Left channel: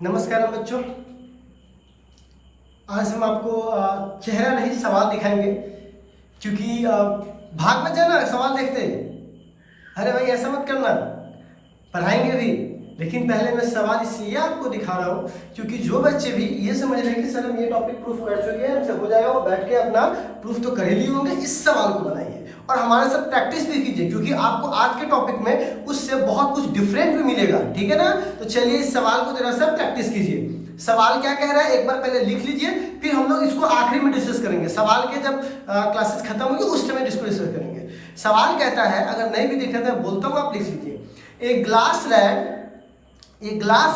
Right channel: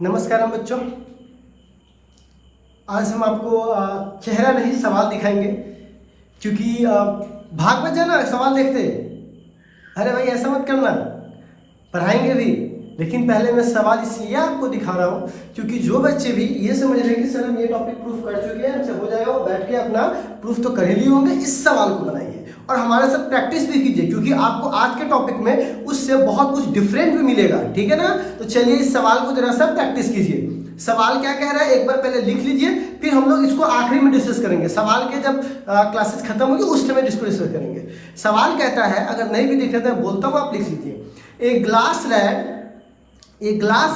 नमस्कार बच्चों। आज हम आपको चेहरा नहीं सवाल दिखाएंगे, क्योंकि भाग में जाना सवाल देखते अरे भाई ऐसा मत करना, पढ़ाएंगे भी लेकिन पहले मैं सवाल इसलिए आपको दिखा रहा हूँ क्योंकि जो बच्चे भी ये समझ रहे हैं कि सर हम ये टॉपिक प्रूफ कर चुके हैं, अच्छा हो जाएगा, वो बैठ के अपना प्रूफ तो कर ही लिए होंगे, इस सवाल को बनाइए और हमारे साथ प्रैक्टिस भी कीजिए, क्योंकि आपको आज के टॉपिक में उससे बहुत कुछ डिफरेंट भी मिलेगा। ठीक है ना? तो चलिए इस सवाल को जरा सा प्रैक्टिस कीजिए। सवाल क्या कह रहा है एक बार पहले लिख लीजिए, फिर हम लोग इसको आखिरी में डिस्कस करेंगे। सवाल के जब क्लासेस खत्म होगी उस समय इसको डिस्कस करेंगे। सवाल कहता है, अगर नहीं भी दिख रहा है बोलता हूँ, आप लिख लीजिए। A glass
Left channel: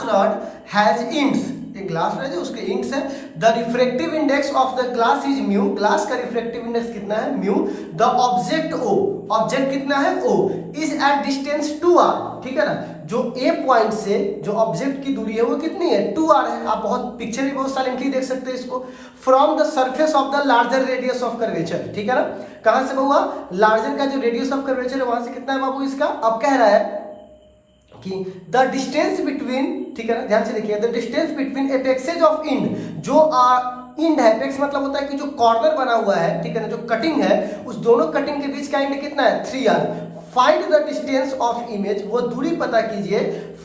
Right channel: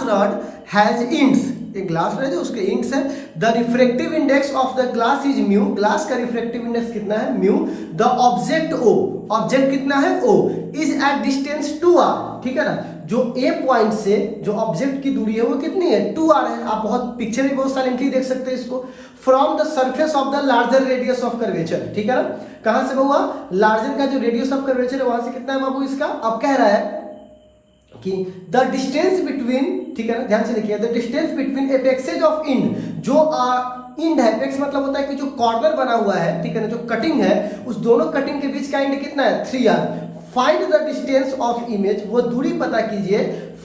rod has ends, एक ग्लास रॉड है उसके इंक्स है। The refractive index of the glass is mu, glass का रिफ्रैक्टिव इंडेक्स कितना है? Mu. The object O, object कितना है? O, is at distance 2r। ठीक है ना? जो ए पॉइंट से जो ऑब्जेक्ट की दूरी है वो कितनी है? 2r है। आप बहुत पिक्चर में बहुत साइलेंटली देख सकते हैं इसको। From the surface of the larger radius of curvature. ठीक है ना? कहां से हुआ? लार्जर का जो रेडियस ऑफ कर्वेचर है वहां से कितना है बाबू इसका? अब कह रहा है कि द डिस्टेंस बिटवीन, ठीक है ना, ध्यान से देखिए, the distance between apexes of end, जो इंड है, एपेक्स मतलब होता है कि जो कॉर्नर बना हुआ है, ठीक है ना, जो कटिंग है, उस दोनों कटिंग के बीच का इंड कितना है? 3r। Find the distance of image, वो दूरी पता कीजिए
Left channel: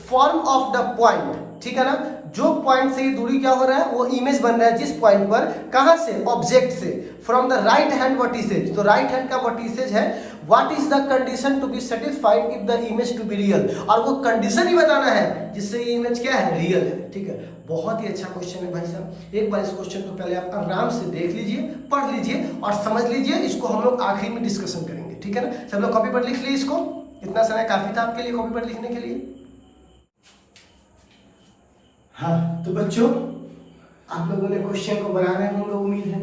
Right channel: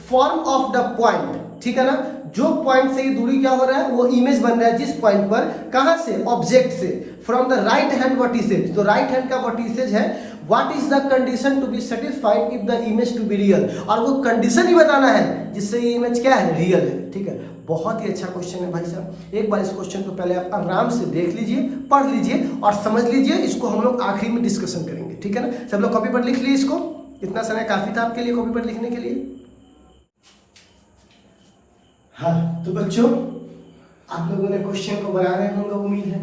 फॉर्म ऑफ द पॉइंट। ठीक है ना? जो पॉइंट से दूरी क्या हो रहा है? वो इमेज बन रहा है जिस पॉइंट पर, कहां से? ऑब्जेक्ट से। From the right hand vertices, तो राइट हैंड का वर्टिसेज है। What is the condition to be satisfied if the image to be real, और वो कंडीशन ही बताना है जिससे ये इमेज क्या है? रियल है। ठीक है? बहुत ही अच्छा क्वेश्चन है भाई साहब। एक बार इस क्वेश्चन को पहले आप आराम से देख लीजिए, पढ़ लीजिए और समझ लीजिए। इसको हम लोग आखिरी में डिस्कशन करेंगे। ठीक है ना? सब लोग कॉपी पर लिख लिए इसको, इतना समय काफी था आपके लिए कॉपी पर लिखने के लिए। हाँ तो बच्चों, आप लोगों ने क्वेश्चन को बना रहे होंगे उम्मीद है।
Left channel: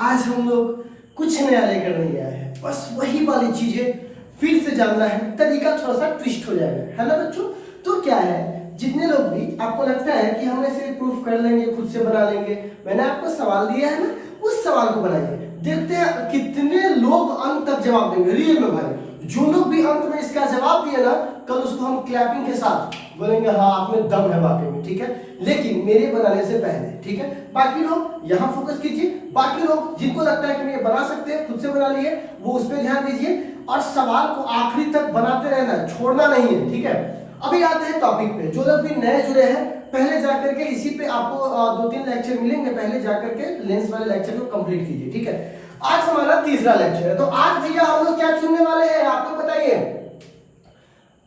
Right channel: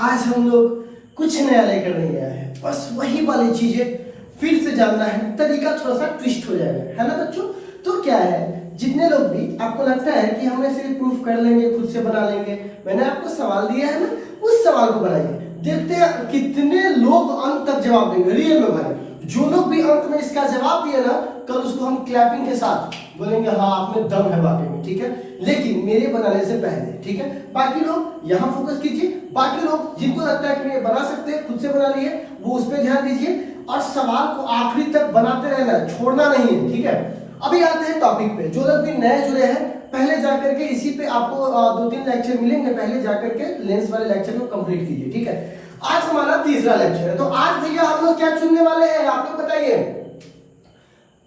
आज हम लोग कुछ नया लेकर नहीं आए हैं, बस वही वाली चीजें फिर से जानना है, तरीका थोड़ा सा ट्विस्ट हो जाएगा, है ना बच्चों? तो क्या है, जितने लोग भी आपको लगता है कि हम ऐसे प्रूफ कर लेंगे, खुद से बना लेंगे, मैंने आपको सवाल दिया है ना, उस सवाल को बनाइए। देखते हैं कितने लोग अंत तक जवाब देंगे रियल में भाई। जो लोग भी अंत में इसका जवाब दिए ना, कल उसको हम क्लैपिंग के साथ बोलेंगे हाँ आप में दम है वाकई में। ठीक है? लेकिन मेरे बनाने से पहले, ठीक है, बाकी लोग यहाँ फोकस कीजिए। बाकी लोग जिनको लगता है कि ये बना सकते हैं, खुद से बना लिए, वो उस पर ध्यान दीजिए और सवाल को आखिरी तक बनाते रहना, छोड़ना नहीं है। ठीक है? अभी आते हैं टॉपिक पे। जो लोग भी नए जुड़े हैं, पहले जाकर के इसी पे आपको 2-3 लेक्चर मिलेंगे, पहले जाकर के लेंस वाले लेक्चर को कंप्लीट कीजिए। ठीक है? आज हमारा तीसरा लेक्चर है, तो आज भैया हम लोग क्या चुनने वाले हैं आप लोग बताइए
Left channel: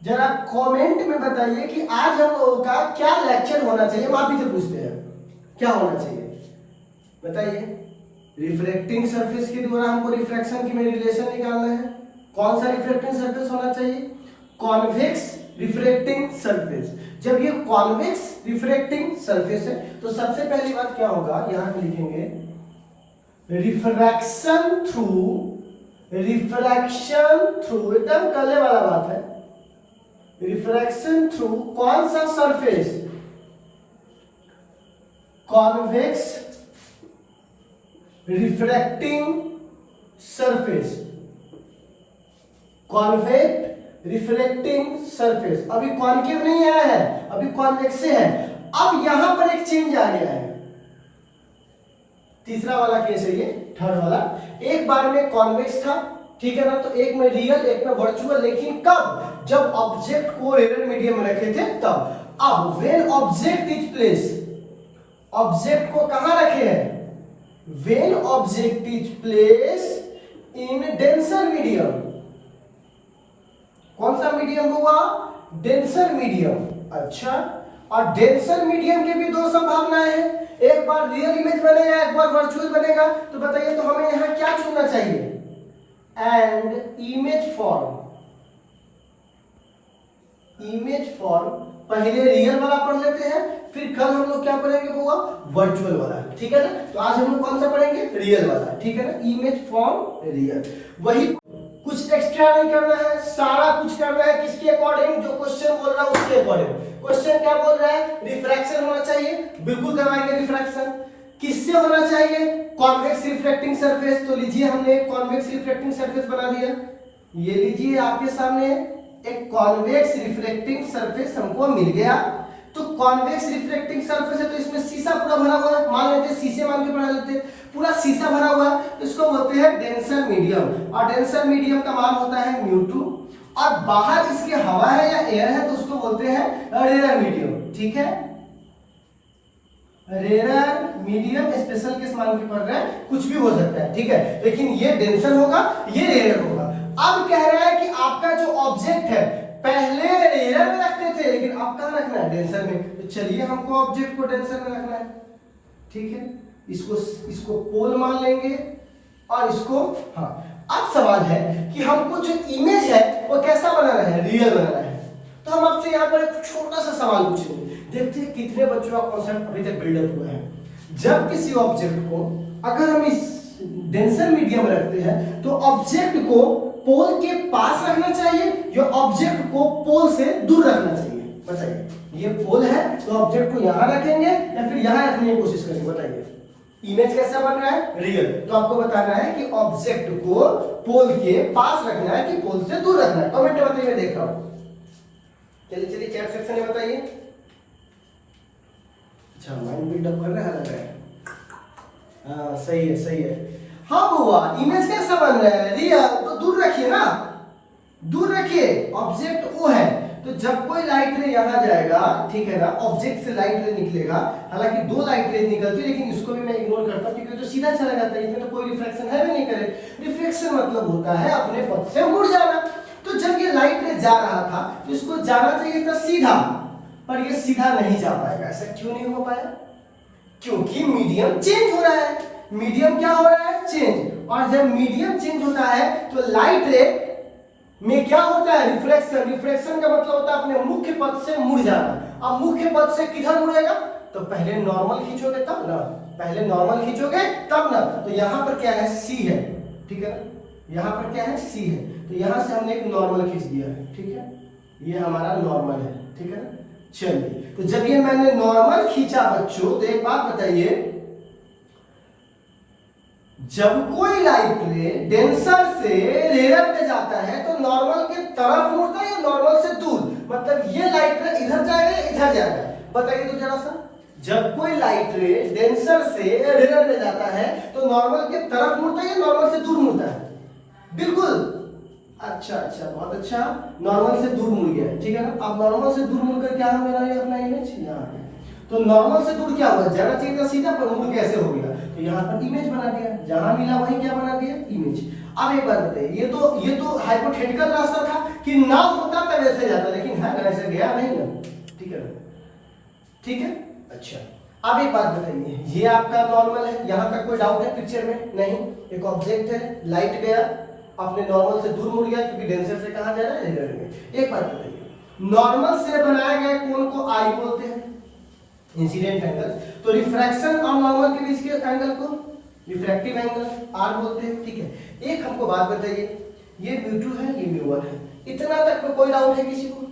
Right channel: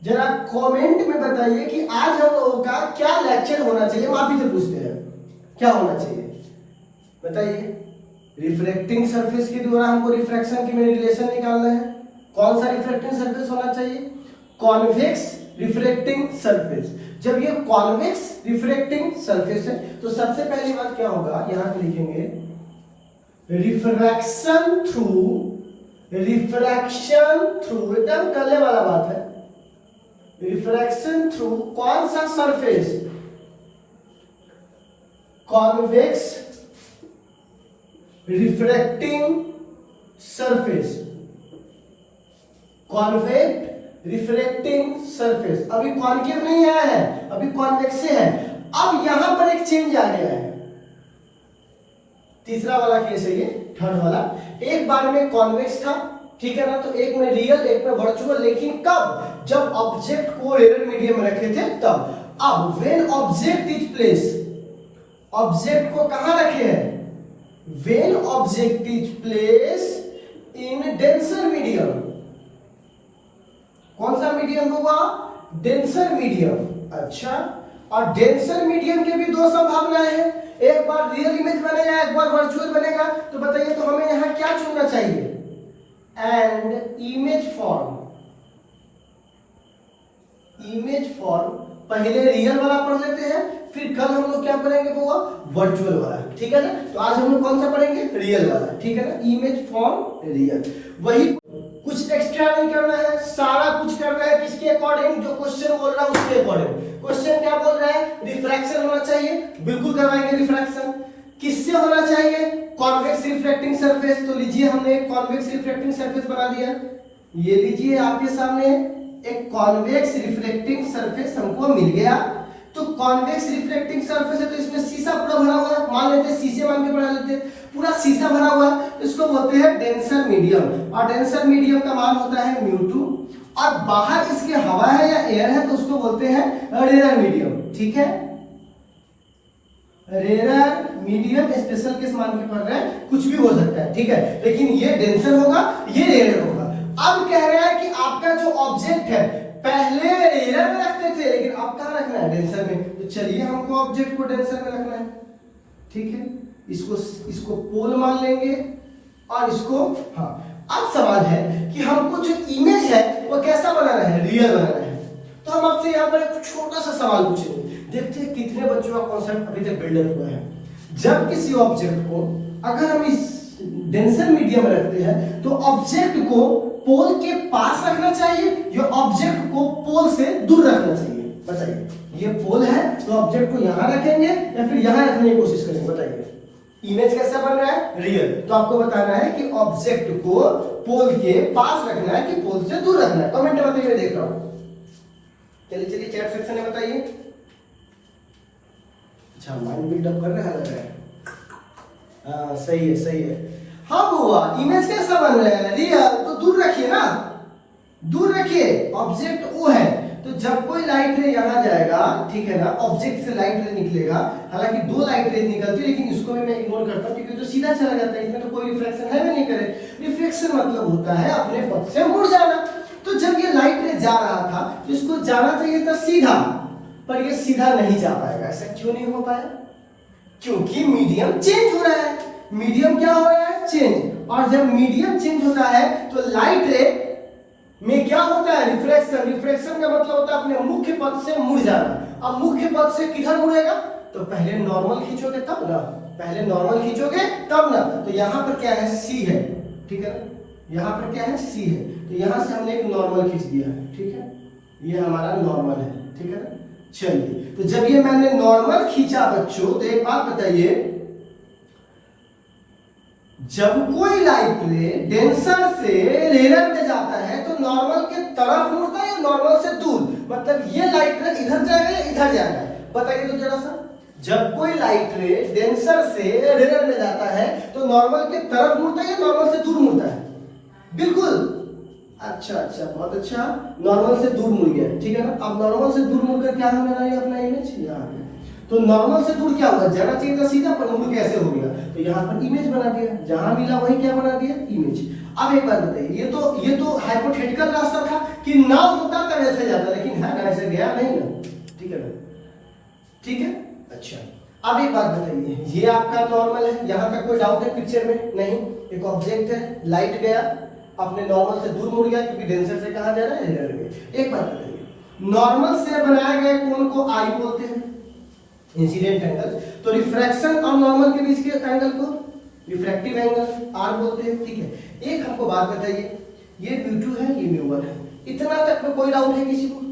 जरा कमेंट में बताइए कि आज हम लोगों का क्या लेक्चर होना चाहिए। माफी से पूछते हैं क्या होना चाहिए, बताइए। रिफ्लेक्टिंग सरफेस के द्वारा हमको रिफ्रैक्शन की में रिलेशन निकालना है। कौन सा रिफ्लेक्टिंग सरफेस होना चाहिए? Convex reflecting surface. जब ये कॉन्वेक्स रिफ्लेक्टिंग सरफेस है तो सबसे पहली बात क्या होगा, यहां पे लिखेंगे रिफ्रैक्शन थ्रू, एकदम कले वाला बात है। रिफ्रैक्शन थ्रू कौन सा surface? Convex refracting surface, convex refracting surface. अभी कॉन्केव नहीं आया है, अभी कॉन्वेक्स है। अब यहां पर एक चेंज आ गया है, तीसरा वाला केस है ये, थर्ड वाला। एक बार में कॉन्वेक्स था, ठीक है ना, तो एक में रियल एक में वर्चुअल, लेकिन कब? जब ऑब्जेक्ट को एरर मीडियम में रखे थे तब। अब when object is place, object को कहां रखे हैं? When object is place in denser medium. कौन सा मीडियम हुआ? Denser medium. अच्छा, और डेंसर मीडियम के भी दो संभावनाएं हैं, एक बार रियल इमेज बनेगा, एक बार वर्चुअल बनेगा। तो बताइए तो हमें यहां क्या चुनना चाहिए? And image form. Image form पहले रियल वाला पढ़ लेते हैं, फिर कल हम लोग क्या पढ़ेंगे वो वर्चुअल वाला। ठीक है ना? तो आज हम लोग कौन सा पढ़ेंगे? रियल वाला। ठीक है ना? इमेज फॉर्म रियल, वही, कुछ एक्स्ट्रा नहीं करना है, सारा कुछ करना है किसके अकॉर्डिंग? जो क्वेश्चन बोल रहा है उसके अकॉर्डिंग। क्वेश्चन क्या बोल रहा है? रिफ्रैक्शन होना चाहिए, बिल्कुल करवाएंगे रिफ्रैक्शन। किससे होना चाहिए? Convex reflecting surface. तो लीजिए हमने एक कॉन्वेक्स रिफ्लेक्टिंग सरफेस बना दिया। ये लीजिए आपके सामने एक कॉन्वेक्स रिफ्लेक्टिंग सरफेस हमको मिल गया। तो कॉन्वेक्स रिफ्लेक्टिंग सरफेस है, तो इसमें शीशा पूरा भरा हुआ है, मान लेते हैं शीशे मान के पढ़ा लेते हैं, पूरा शीशा भरा हुआ है, तो इसको बोलते हैं डेंसर मीडियम, और डेंसर मीडियम का मान होता है μ2, और बाहर इसके हवा है या एयर है तो उसको बोलते हैं रेयर मीडियम। ठीक है, रेयर मीडियम स्पेशल केस मान के पढ़ रहे हैं, कुछ भी हो सकता है। ठीक है, लेकिन ये डेंसर होगा, ये रेयर होगा। अब कह रहा है कि आपका जो ऑब्जेक्ट है पहले रेयर में रखते थे, लेकिन अब कहां रखना है, डेंसर में। तो चलिए हमको ऑब्जेक्ट को डेंसर में रखना है। ठीक है, इसको पोल मान लेंगे और इसको, हाँ अब सवाल है कि हमको जो इमेज है वो कैसा बनाना है, रियल बनाना है। तो हम आपसे यहाँ पर एक छोटा सा सवाल पूछेंगे, देखते हैं कितने बच्चों का कॉन्सेप्ट अभी तक बिल्डअप हुआ है। जब किसी ऑब्जेक्ट को अगर हम इस डेंसर मीडियम रखते हैं तो ऑब्जेक्ट को पोल के पास रखना चाहिए या ऑब्जेक्ट को पोल से दूर रखना चाहिए, बताइए। ये पोल है तो ऑब्जेक्ट को यहां रखेंगे या फिर यहां रखने की कोशिश करेंगे, बताइए। इमेज कैसा बन रहा है, रियल, तो आपको बताना है कि ऑब्जेक्ट को पोल के पास रखना है कि पोल से दूर रखना है। कमेंट में बताइए, मैं देख रहा हूं। चलिए चैट सेक्शन में बताइए। अच्छा, माइंड बिल्डअप कर रहे हैं। हाँ सही है, सही है। हाँ हुआ, इमेज कैसा बन रहा है, रियल, तो दूर रखिए ना, दूर रखिए। ऑब्जेक्ट वो है, तो जब कोई लाइट रे यहाँ जाएगा, ठीक है ना, ऑब्जेक्ट से लाइट रे निकलेगा, हालांकि दो लाइट रे निकलती है, लेकिन इसको भी मैं इग्नोर करता हूँ क्योंकि तो सीधा चला जाता है, इसमें तो कोई रिफ्लेक्शन है भी नहीं करे। रिफ्लेक्शन मतलब होता है अपने पथ से मुड़ जाना। तो जब ये लाइट रे जा रहा था तो इसको जाना चाहिए था सीधा, पर ये सीधा नहीं जा पाएगा। ऐसा क्यों नहीं हो पाया, क्योंकि मीडियम चेंज हो रहा है। मीडियम क्या हो रहा है, चेंज, और जब मीडियम चेंज होता है तो लाइट रे में क्या होता है, रिफ्लेक्शन। रिफ्लेक्शन का मतलब होता है अपने मुख्य पथ से मुड़ जाना। अब मुख्य पथ से किधर मुड़ेगा, तो पहले नॉर्मल खींचोगे तब ना, पहले नॉर्मल खींचोगे तब ना। तो यहाँ पर क्या है, सी है, ठीक है ना, यहाँ पर क्या है, सी है, तो यहाँ से हमने एक नॉर्मल खींच दिया है। ठीक है, ये हमारा नॉर्मल है, ठीक है ना। चलिए, तो जब ये मैंने नॉर्मल खींचा बच्चों, तो एक बात बताइए, जब कोई लाइट रे डेंसर से रेयर में जाता है तो नॉर्मल के तरफ मुड़ता है या नॉर्मल से दूर, मतलब ये लाइट रे इधर जाएगा या इधर जाएगा, बताइए तो जरा सा। जब कोई लाइट रे डेंसर से रेयर में जाता है तो नॉर्मल के तरफ मुड़ता है या नॉर्मल से दूर मुड़ता है, बिल्कुल। अच्छा अच्छा, बहुत अच्छा, नॉर्मल से दूर मुड़ गया, ठीक है ना। अब नॉर्मल से दूर मुड़कर क्या हम बनाइए अपना इमेज यहाँ पे, तो नॉर्मल से दूर क्या होगा, जाना चाहिए था सीधा, पर मुड़ कैसे हो गया, तो यहाँ पर इमेज बना दिया, जहां मिला वही क्या बना दिया, इमेज। अब एक बात बताइए, ये तो हाइपोथेटिकल रास्ता था कि ना होता तब ऐसे जाता, लेकिन है ना, ऐसे गया नहीं ना, ठीक है ना, ठीक है। अच्छा, अब एक बात बताइए, ये आपका नॉर्मल है, यहाँ तक कोई डाउट है पिक्चर में, नहीं। एक ऑब्जेक्ट है, लाइट गया, अपने नॉर्मल से दूर मुड़ गया, क्योंकि डेंसर से कहा जा रहा है, रेयर में। एक बात बताइए, नॉर्मल से बनाए गए कोण को आई बोलते हैं, इंसिडेंट एंगल, तो रिफ्रैक्शन और नॉर्मल के बीच के एंगल को रिफ्रैक्टिव एंगल आर बोलते हैं, ठीक है। एक हमको बात बताइए, ये μ2 है, ये μ1 है, इतना तक में कोई डाउट है किसी को,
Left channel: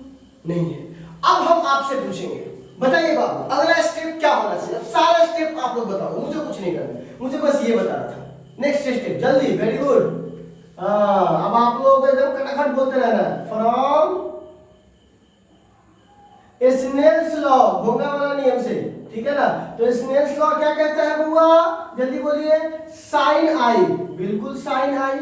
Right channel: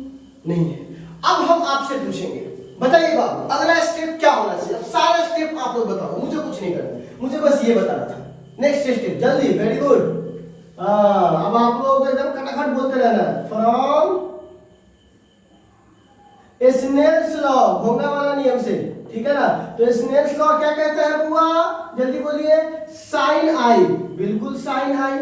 नहीं है। अब हम आपसे पूछेंगे, बताइए बाबू अगला स्टेप क्या होना चाहिए। अब सारा स्टेप आप लोग बताओ, मुझे कुछ नहीं करना, मुझे बस ये बताना था। नेक्स्ट स्टेप जल्दी, वेरी गुड। अब आप लोग एकदम खटाखट बोलते रहना, फ्रॉम स्नेल्स लॉ, घोंगा वाला नियम से, ठीक है ना। तो स्नेल्स लॉ क्या कहता है बुआ, जल्दी बोलिए, साइन आई, बिल्कुल साइन आई,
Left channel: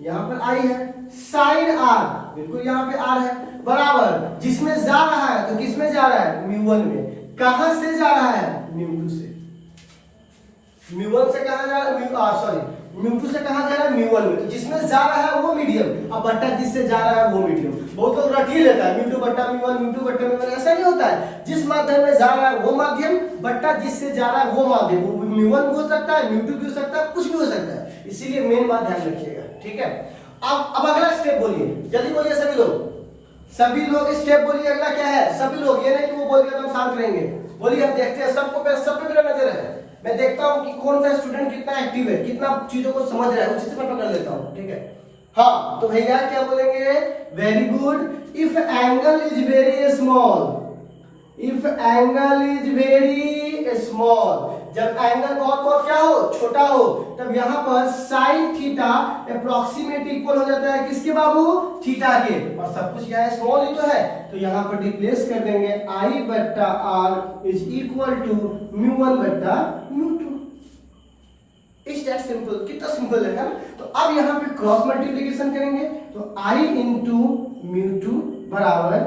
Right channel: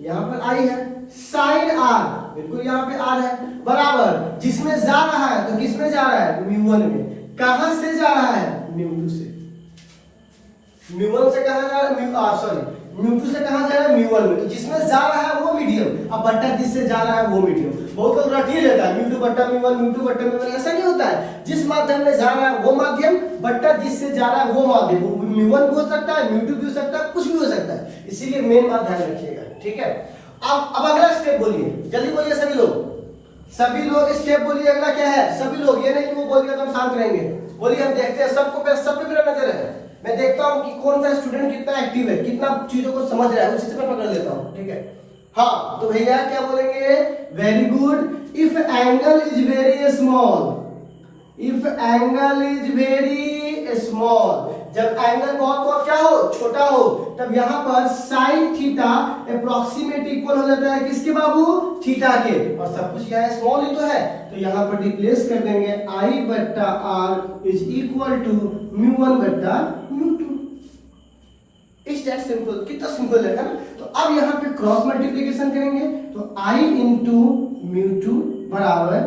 यहाँ पर आई है, साइन आर, बिल्कुल यहाँ पे आर है, बराबर जिसमें जा रहा है, तो किसमें जा रहा है, μ1 में। कहां से जा रहा है, μ2 से। μ1 से कहां जा रहा है, सॉरी μ2 से कहां जा रहा है, μ1 में। तो जिसमें जा रहा है वो मीडियम, अब बट्टा जिससे जा रहा है वो मीडियम। बहुत लोग रट ही लेता है, μ2 बट्टा μ1, μ2 बट्टा μ1, ऐसा नहीं होता है। जिस माध्यम में जा रहा है वो माध्यम, बट्टा जिससे जा रहा है वो माध्यम, μ1 भी हो सकता है, μ2 भी हो सकता है, कुछ भी हो सकता है, इसीलिए मेन बात ध्यान रखिएगा, ठीक है। अब अगला स्टेप बोलिए, जल्दी बोलिए सभी लोग, सभी लोग स्टेप बोलिए, अगला क्या है, सभी लोग, ये नहीं कि वो बोलिए तो हम शांत रहेंगे, बोलिए। हम देखते हैं सबको, सब पे मेरा नजर है, मैं देखता हूँ कि कौन सा स्टूडेंट कितना एक्टिव है, कितना चीजों को समझ रहा है, उसी से मैं पकड़ लेता हूँ, ठीक है। हाँ, तो भैया क्या बोलेंगे, very good. If angle is very small, if angle is very small, जब एंगल बहुत क्या हो, छोटा हो, तब यहाँ पर साइन थीटा अप्रोक्सीमेट इक्वल हो जाता है किसके बाबू, थीटा के, और सब कुछ यहाँ स्मॉल ही तो है, तो यहाँ पर रिप्लेस कर देंगे आई बट्टा R is equal to mu one बट्टा म्यू टू। सिंपल, कितना सिंपल है ना। तो अब यहाँ पे क्रॉस मल्टीप्लीकेशन करेंगे, तो आई इंटू म्यू टू बराबर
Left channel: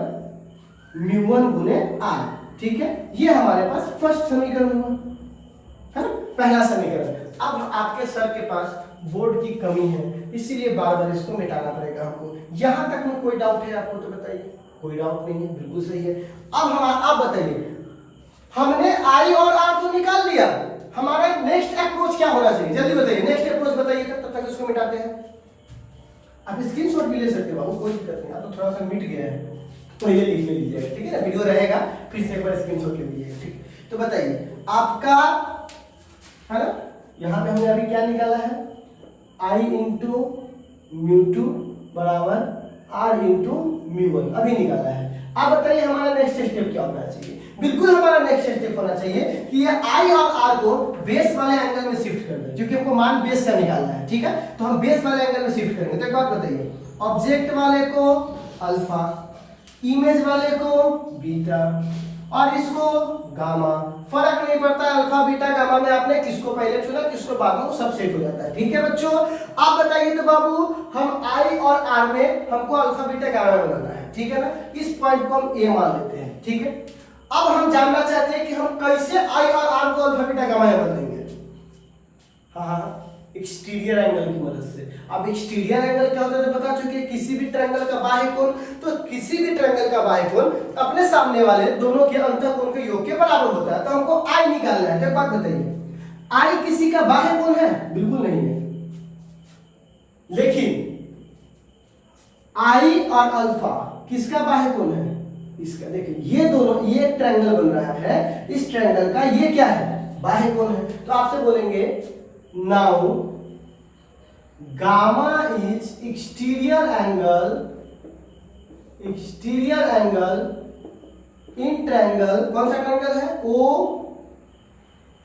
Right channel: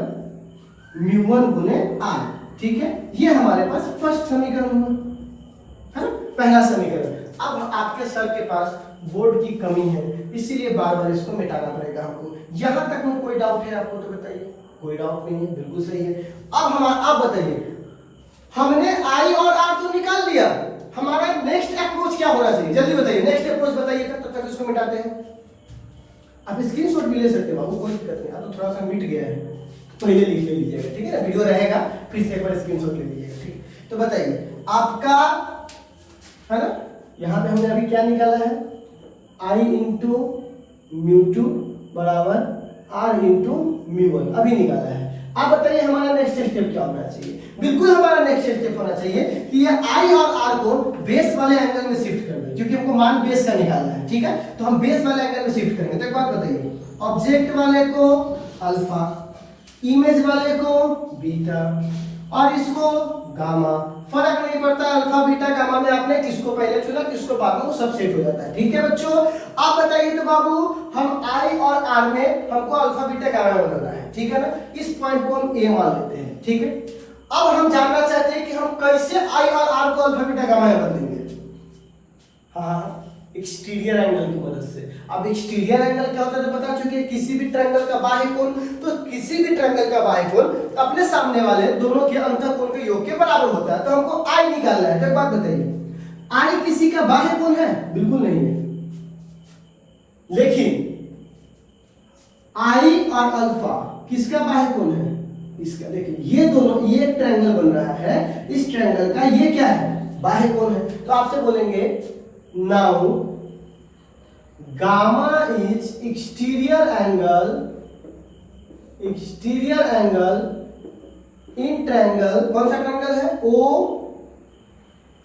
म्यू वन गुने आर, ठीक है। ये हमारे पास फर्स्ट समीकरण हुआ, है ना, पहला समीकरण। अब आपके सर के पास बोर्ड की कमी है, इसीलिए बार बार इसको मिटाना पड़ेगा हमको। यहां तक में कोई डाउट है आपको तो बताइए। कोई डाउट नहीं है, बिल्कुल सही है। अब आप बताइए, हमने आई और आर तो निकाल लिया, हमारा नेक्स्ट अप्रोच क्या होना चाहिए, जल्दी बताइए, नेक्स्ट अप्रोच बताइए, तब तक इसको मिटाते हैं। आप स्क्रीनशॉट भी ले सकते हो बाबू, कोई दिक्कत नहीं। अब तो थोड़ा सा मिट गया है, पहले लिख लीजिएगा, ठीक है ना, वीडियो रहेगा, फिर से एक बार स्क्रीनशॉट ले लीजिएगा, ठीक है। तो बताइए आपका, है ना, यहाँ पे हमने अभी क्या निकाला है, आई इंटू म्यू टू बराबर आर इंटू म्यू वन, अभी निकाला है। आप बताइए हमारा नेक्स्ट स्टेप क्या होना चाहिए। बिल्कुल हमारा नेक्स्ट स्टेप होना चाहिए कि ये आई और आर को बेस वाले एंगल में शिफ्ट कर दें, क्योंकि हमको मान बेस का निकालना है, ठीक है। तो हम बेस वाले एंगल में शिफ्ट करेंगे। तो एक बात बताइए, ऑब्जेक्ट वाले को अल्फा, इमेज वाले को बीटा और इसको गामा, फर्क नहीं पड़ता अल्फा बीटा गामा में आपने किसको पहले चुना किसको बाद में, वो सब सेट हो जाता है, ठीक है बच्चों। आप बताइए तो बाबू, हम आई और आर में हमको अल्फा बीटा गामा में बनाना है, ठीक है ना। इस पॉइंट को हम ए मान लेते हैं, ठीक है। अब हम जानना चाहते हैं कि हम कैसे आई और आर को अल्फा बीटा गामा में बना देंगे। हाँ, एक्सटीरियर एंगल की मदद से। अब एक्सटीरियर एंगल क्या होता है तो बता चुके हैं, किसी भी ट्रायंगल का बाह्य कोण, तो किसी भी ट्रायंगल का बाह्य कोण अपने सामने वाले दोनों के अंतःकोण के योग के बराबर होता है। तो हमको आई निकालना है। तो एक बात बताइए, आई किसी का बाह्य कोण है? बिल्कुल नहीं है। लेकिन आई और अल्फा किसका बाह्य कोण है? इसका। लेकिन ये दोनों, ये ट्रायंगल बन रहा है, इस ट्रायंगल का ये क्या है? बाह्य कोण है। तो आपसे बोलेंगे now gamma is exterior angle in triangle, कौन सा ट्रायंगल है? ओ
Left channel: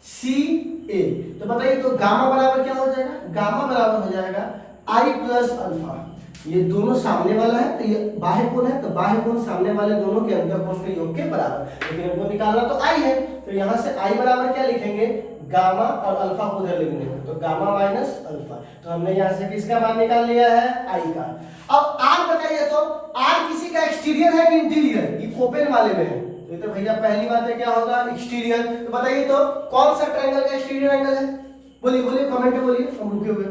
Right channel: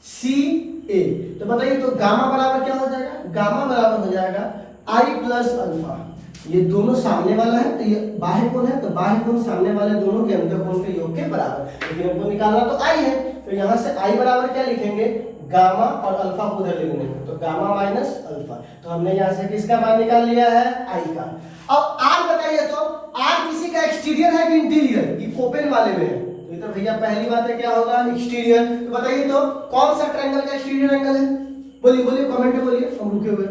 सी ए। तो बताइए, तो गामा बराबर क्या हो जाएगा? गामा बराबर हो जाएगा आई प्लस अल्फा। ये दोनों सामने वाला है, तो ये बाह्य कोण है, तो बाह्य कोण सामने वाले दोनों के अंतःकोण के योग के बराबर। लेकिन हमको निकालना तो आई है, तो यहां से आई बराबर क्या लिखेंगे? गामा, और अल्फा को उधर लिखेंगे, तो गामा माइनस अल्फा। तो हमने यहाँ से किसका मान निकाल लिया है? आई का। अब आर बताइए, तो आर किसी का एक्सटीरियर है कि इंटीरियर? ये ओपन वाले में है, तो भैया पहली बात है क्या होगा? एक्सटीरियर। तो बताइए तो कौन सा ट्रायंगल का एक्सटीरियर एंगल है? बोलिए बोलिए, कमेंट में बोलिए, हम रुके हुए।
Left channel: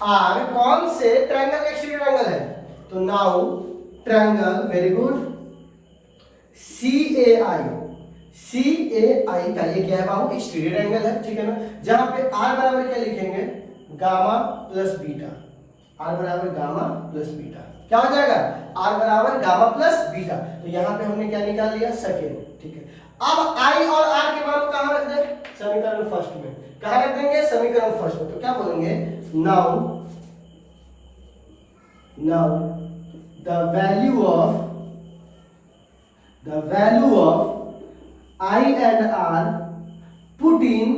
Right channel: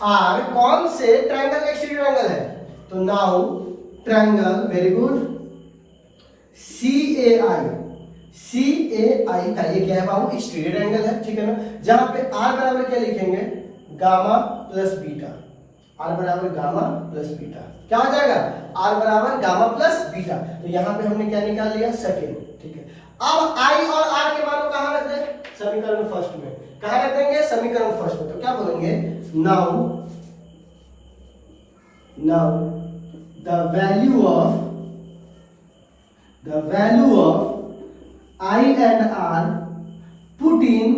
आर कौन से ट्रायंगल का एक्सटीरियर एंगल है? तो नाउ ट्रायंगल, वेरी गुड, सी ए आई का ये क्या है बाबू? एक्सटीरियर एंगल है, ठीक है ना। जहां पे आर बराबर क्या लिखेंगे? Gamma plus beta. आर बराबर गामा प्लस बीटा, क्या हो जाएगा? आर बराबर गामा प्लस बीटा। तो यहाँ पे हमने क्या निकाल लिया? सेकेंड, ठीक है। अब आई और आर के मान को कहाँ रख दें? समीकरण फर्स्ट में। कहाँ रख देंगे? समीकरण फर्स्ट में। तो क्या बोलेंगे? Now the value of I and R put in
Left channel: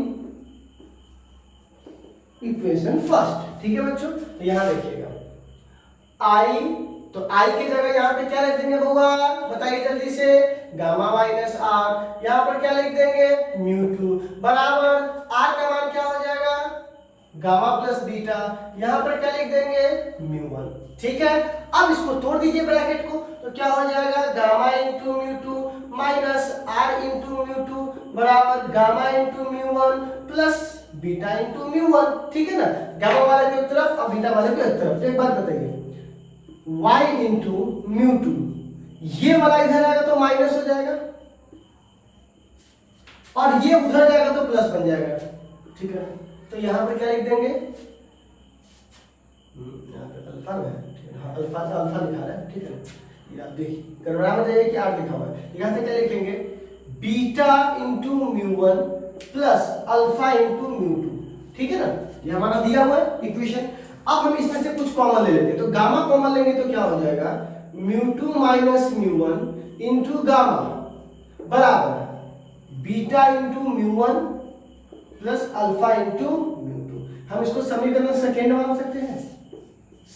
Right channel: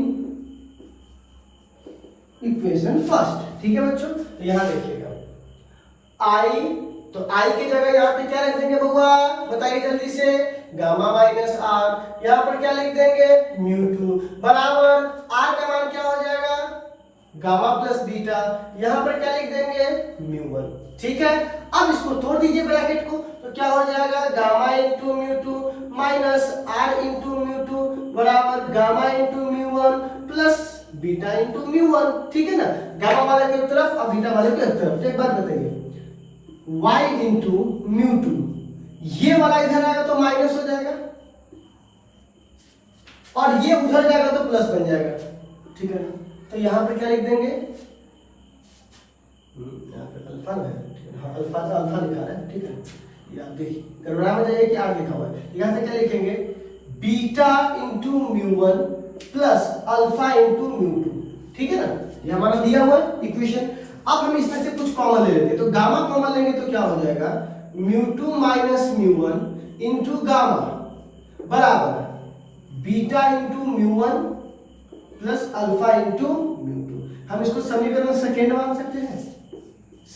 equation first, ठीक है बच्चों। तो यहां देखिएगा, I, तो I की जगह यहां पे क्या लिख देंगे बउआ? बताइए जल्दी से। Gamma minus R. यहां पर क्या लिख देंगे? म्यू टू बराबर R का मान क्या हो जाएगा? Gamma plus beta. यहां पर क्या लिख देंगे? म्यू वन, ठीक है। अब इसको तोड़ दीजिए ब्रैकेट को, तो क्या हो जाएगा? Gamma into mu two minus r into mu two बराबर gamma into mu one plus beta into mu one, ठीक है ना। गामा वाले की तरफ और बीटा वाले की तरफ। एक बात बताइए, y इंटू म्यू टू, ये वाला इधर आएगा तो माइनस हो जाएगा, और ये उधर जाएगा तो प्लस बन जाएगा, ठीक है। तो यहां पर क्या लिख देंगे? यहाँ पे अल्फा है, हाँ अल्फा का अल्फा लिखा है, ठीक है। याद देखिए, गणना में जाइए कि आर लिखा हुआ है। यहाँ से क्या लिखेंगे? Beta into mu one plus alpha into mu to, ठीक है ना। ये हमारा दिया हुआ है इक्वेशन। अब हम इसमें से कुछ कॉमन ले लेते हैं, तो गामा कॉमन लेंगे तो क्या हो जाएगा? Mu two minus mu one into gamma बराबर beta into mu one plus alpha into mu two. हम इसको समीकरण सेकेंड मान सकते हैं,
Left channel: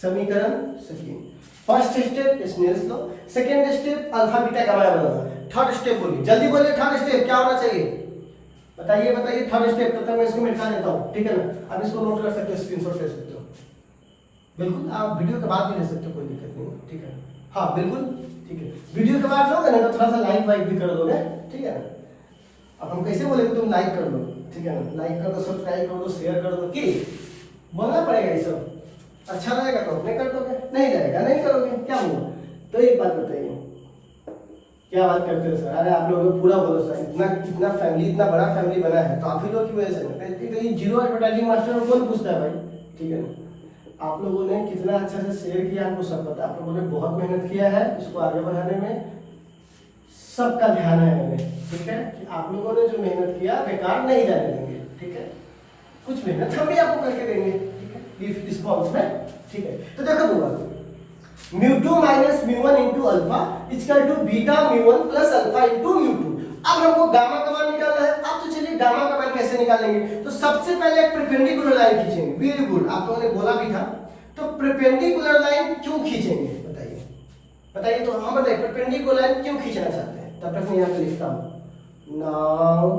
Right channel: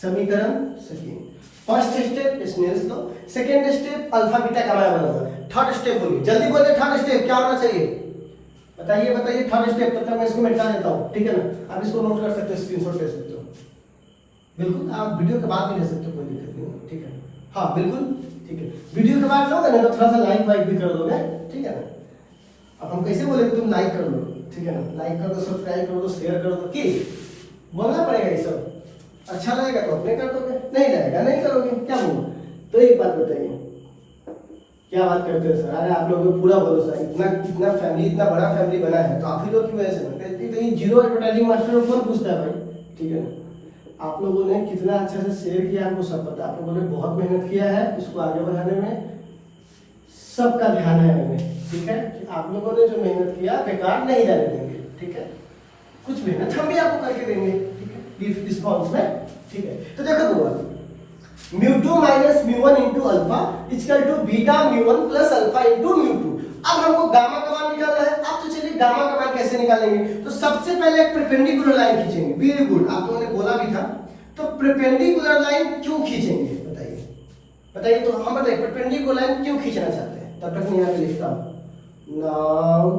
समीकरण second. First step Snell's law, second step alpha beta का मान बनाना, थर्ड स्टेप बोलिए, जल्दी बोलिए थर्ड स्टेप क्या होना चाहिए, बताइए बताइए थर्ड स्टेप। तब तक मैं इसको मिटा देता हूँ, ठीक है ना। आप इसको नोट कर सकते हो, स्क्रीनशॉट ले सकते हो, बिल्कुल आप वीडियो के बाद भी ले सकते हो, कोई दिक्कत नहीं, ठीक है। हाँ बिल्कुल ठीक है, वीडियो के बाद लोगे ना तो थोड़ा सा लाइक वाइक भी कर लोगे, ठीक है ना। अब हम कैसे बोले तुम लाइक कर लो, ठीक है ना, लाइक कर दो, सब्सक्राइब कर दो, शेयर कर दो, कि बोलना पड़ेगा ये सब। अच्छा लगेगा तो अपने कर दोगे, नहीं लगेगा नहीं करोगे, क्या बोलो। तो एक बात बताइए, क्या बात करते हो सर, अरे आप लोगों को पूरा बोलो सर, इतना इतना फैमिली, इतना बड़ा फैमिली बना है तो आप ही लोग की वजह से। तो ये जीरो एडवर्टाइजिंग मास्टर को कौन पूछता है भाई, ठीक है ना। आप लोगों ने कितना अच्छा से शेयर किया हमको सब पता है, आप लोगों ने बहुत मेहनत किया है इसको आगे बढ़ाने में, सबका ध्यान है हमें, ठीक है। कि आप लोगों ने जो मेहनत किया बेकार नहीं जाने देंगे, ठीक है। कुछ मेहनत हम भी आपको करके देंगे, ठीक है, गिव रिस्पॉन्स में, ठीक है। तो देखो बुआ, μ2 minus μ1 into alpha equal to beta μ1 plus alpha into μ2। अब हमको गामा का मान निकालना है। अब तो चलिए गामा का मान कैसे निकालेंगे, तो सबसे पहले एक परपेंडिकुलर लाइन खींचेंगे, वेरी गुड, आप लोगों ने बोला भी था। तो परपेंडिकुलर लाइन क्यों खींचेंगे बताइए, बताइए। तो हम बताइए परपेंडिकुलर लाइन क्यों खींचना चाहते हैं, तब तक मैं यहाँ पे लिखता हूँ। नाउ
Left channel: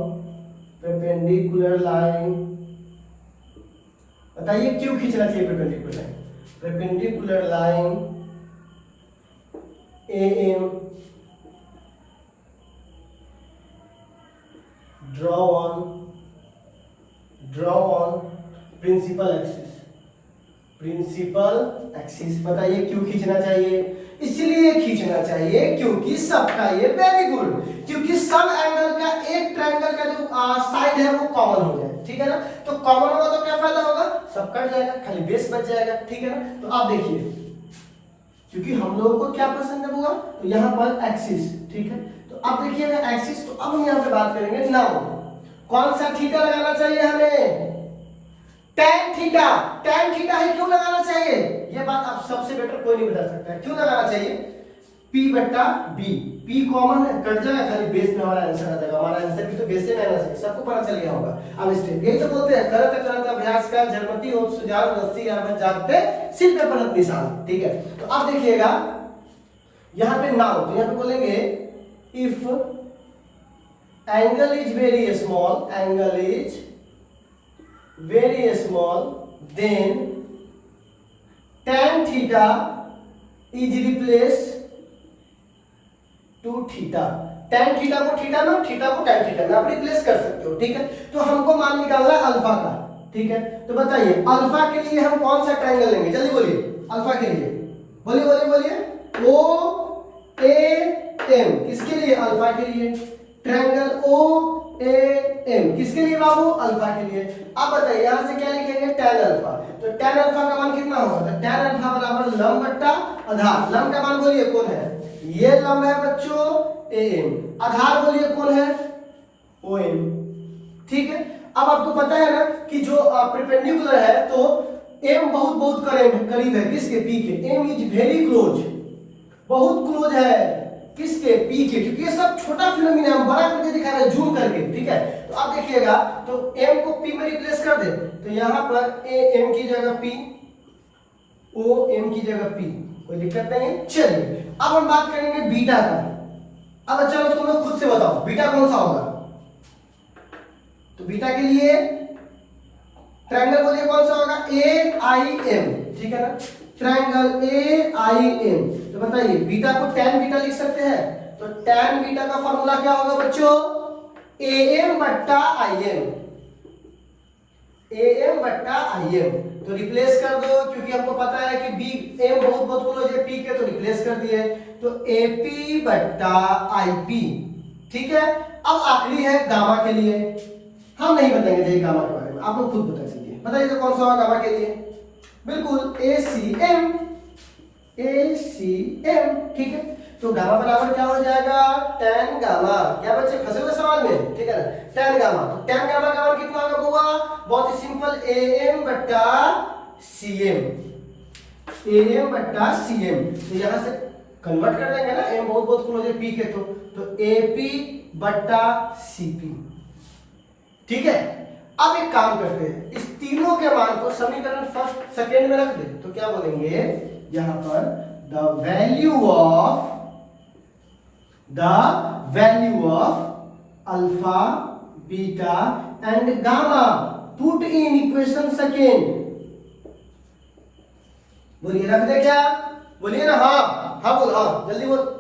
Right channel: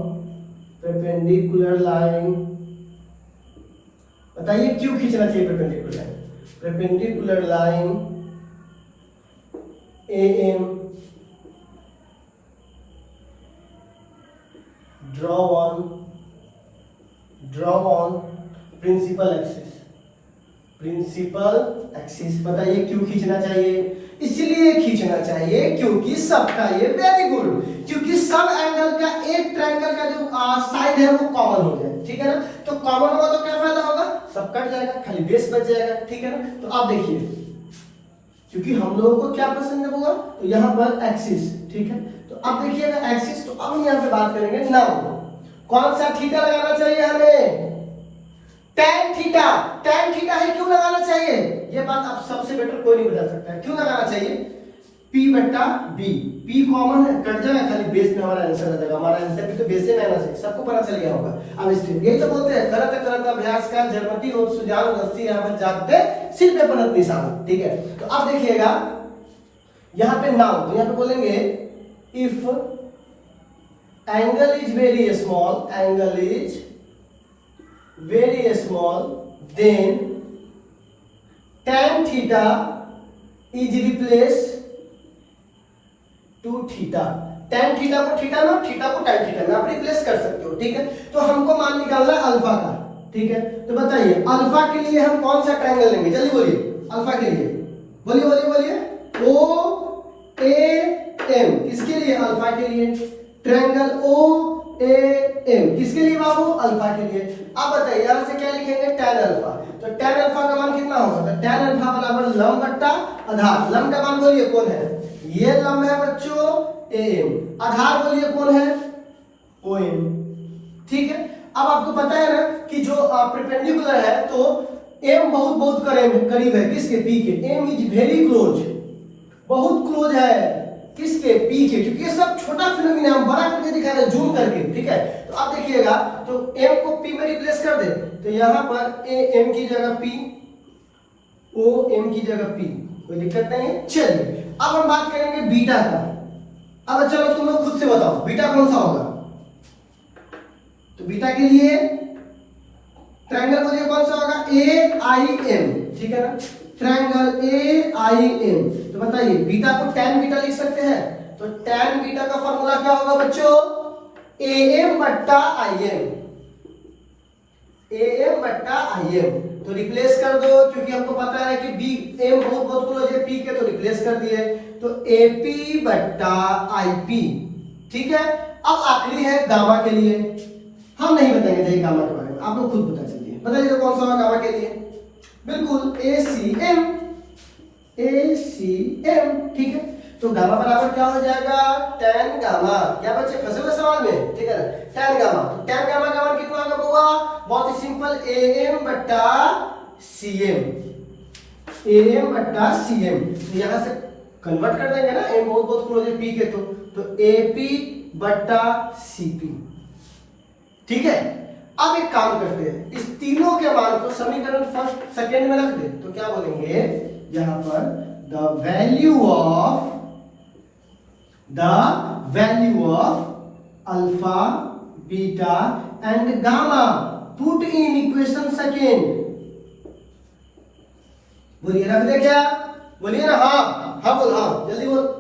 परपेंडिकुलर लाइन, बताइए क्यों खींचना चाहिए perpendicular line. Perpendicular line AM draw on principal axis, principal axis. बताइए क्यों खींचना चाहिए, इसलिए खींचना चाहिए क्योंकि सबका ये, वेरी गुड, क्योंकि सब एंगल का एक ट्रायंगल का जो साइड है वो कॉमन हो जाए, ठीक है ना। तो कॉमन होगा तो क्या फायदा होगा, सब कट जाएगा, खाली बेस बच जाएगा, ठीक है ना। तो आप देखिए, क्योंकि हम लोगों को क्या पसंद है होगा, तो यहाँ पर एक्सिस, ठीक है। तो अब देखिएगा एक्सिस, तो अब यहाँ पे बात करेंगे नाउ कौन सा थीटा लगाना चाहिए हमें, tan थीटा। tan थीटा है, क्यों लगाना चाहिए, ये बात आप सबसे बेटर कोई नहीं बता सकता है, क्यों लगाना चाहिए। P बट्टा B, P कॉमन है, कट जाएगा, खाली बेस में हमारा आंसर आ जाएगा। हमारा आंसर भी तो बेस से है ना, सबको पता चल गया होगा। अब स्टेप यही तो बोलते हैं, करत करत अभ्यास का जन्मति हो सुजान रस्सी यहाँ पे जाते सिर पे पलट निशान, ठीक है। तो अब देखिएगा यहाँ पे नाउ, तो यहाँ पे बोलेंगे if angle is very small, angle is very small, then tan theta is replace to theta. tan theta को थीटा में, थीटा को tan थीटा में आप रिप्लेस कर सकते हो, ठीक है। तो हमको मान निकालना है अल्फा का, ठीक है। तो बताइए अल्फा के लिए हम कौन सा ट्रायंगल लेंगे, जल्दी बोलिए। अल्फा के लिए बोलिए बोलिए बोलिए, ओ ए एम, किसके लिए, अल्फा के लिए। ट्रायंगल ओ ए एम किसके लिए बाबू, अल्फा के लिए। अब बताइए यहां से क्या लिखेंगे, tan अल्फा। तो tan अल्फा का मान कितना होगा, तो tan अल्फा बराबर लंब बट्टा आधार। लंब का मान बोलिए कौन है, ये लंब है बच्चों AM, आधार बोलिए कौन है, OM, ठीक है। अब आपको पता है ना कि जो परपेंडिकुलर है तो M बहुत बहुत करीब है किसके, P के। M इज वेरी क्लोज, बहुत क्लोज है किसके, P के, क्योंकि ये सब छोटा फिनोमिना हम बड़ा करके दिखा रहे हैं, जूम करके, ठीक है। तो आप देखिएगा, तो M को P में रिप्लेस कर दे, तो यहाँ पर AM की जगह P, OM की जगह P, कोई दिक्कत नहीं है। चलिए अब हम बात करेंगे बीटा का। अब अच्छा तुम लोग खुद से बताओ बीटा कौन सा होगा, तो बीटा के लिए ट्रायंगल बोलिए कौन सा होगा, AIM, ठीक है ना, ट्रायंगल AIM। तो बताइए बीटा को tan बीटा लिख सकते हैं, तो tan बीटा का फॉर्मूला क्या होगा बच्चों, AM बट्टा IM, AM बट्टा IM। तो रिप्लेस कर दो, क्योंकि हमको पता है कि B M बहुत बहुत क्लोज है P के, तो रिप्लेस कर दिए, तो AP बट्टा IP, ठीक है। अब आखिरी है गामा के लिए, हम नहीं बताएंगे चाहिए गामा के बारे में, आप लोग खुद बता दीजिए, बताइए तो कौन सा होगा गामा के लिए, बिल्कुल ACM, ACM, ठीक है। तो गामा बराबर क्या हो जाएगा, tan गामा, क्या बच्चे फंसे हुए सवाल में, ठीक है ना, tan गामा। तो tan गामा का मान कितना होगा बुआ, बहुत ही सिंपल, AM बट्टा CM, AM बट्टा CM। तो यहां से कन्वर्ट कर देंगे ना, M बहुत बहुत क्लोज है P के, तो AP बट्टा CP, ठीक है। अब एक काम करते हैं, इस तीनों के मान को समीकरण फर्स्ट सेकेंड में रख दे, तो क्या बोलेंगे यहां पर the value of alpha beta and gamma put in equation second. बोलिए रख दे क्या, बोलिए ना, हाँ बोल, हाँ जल्दी बोल।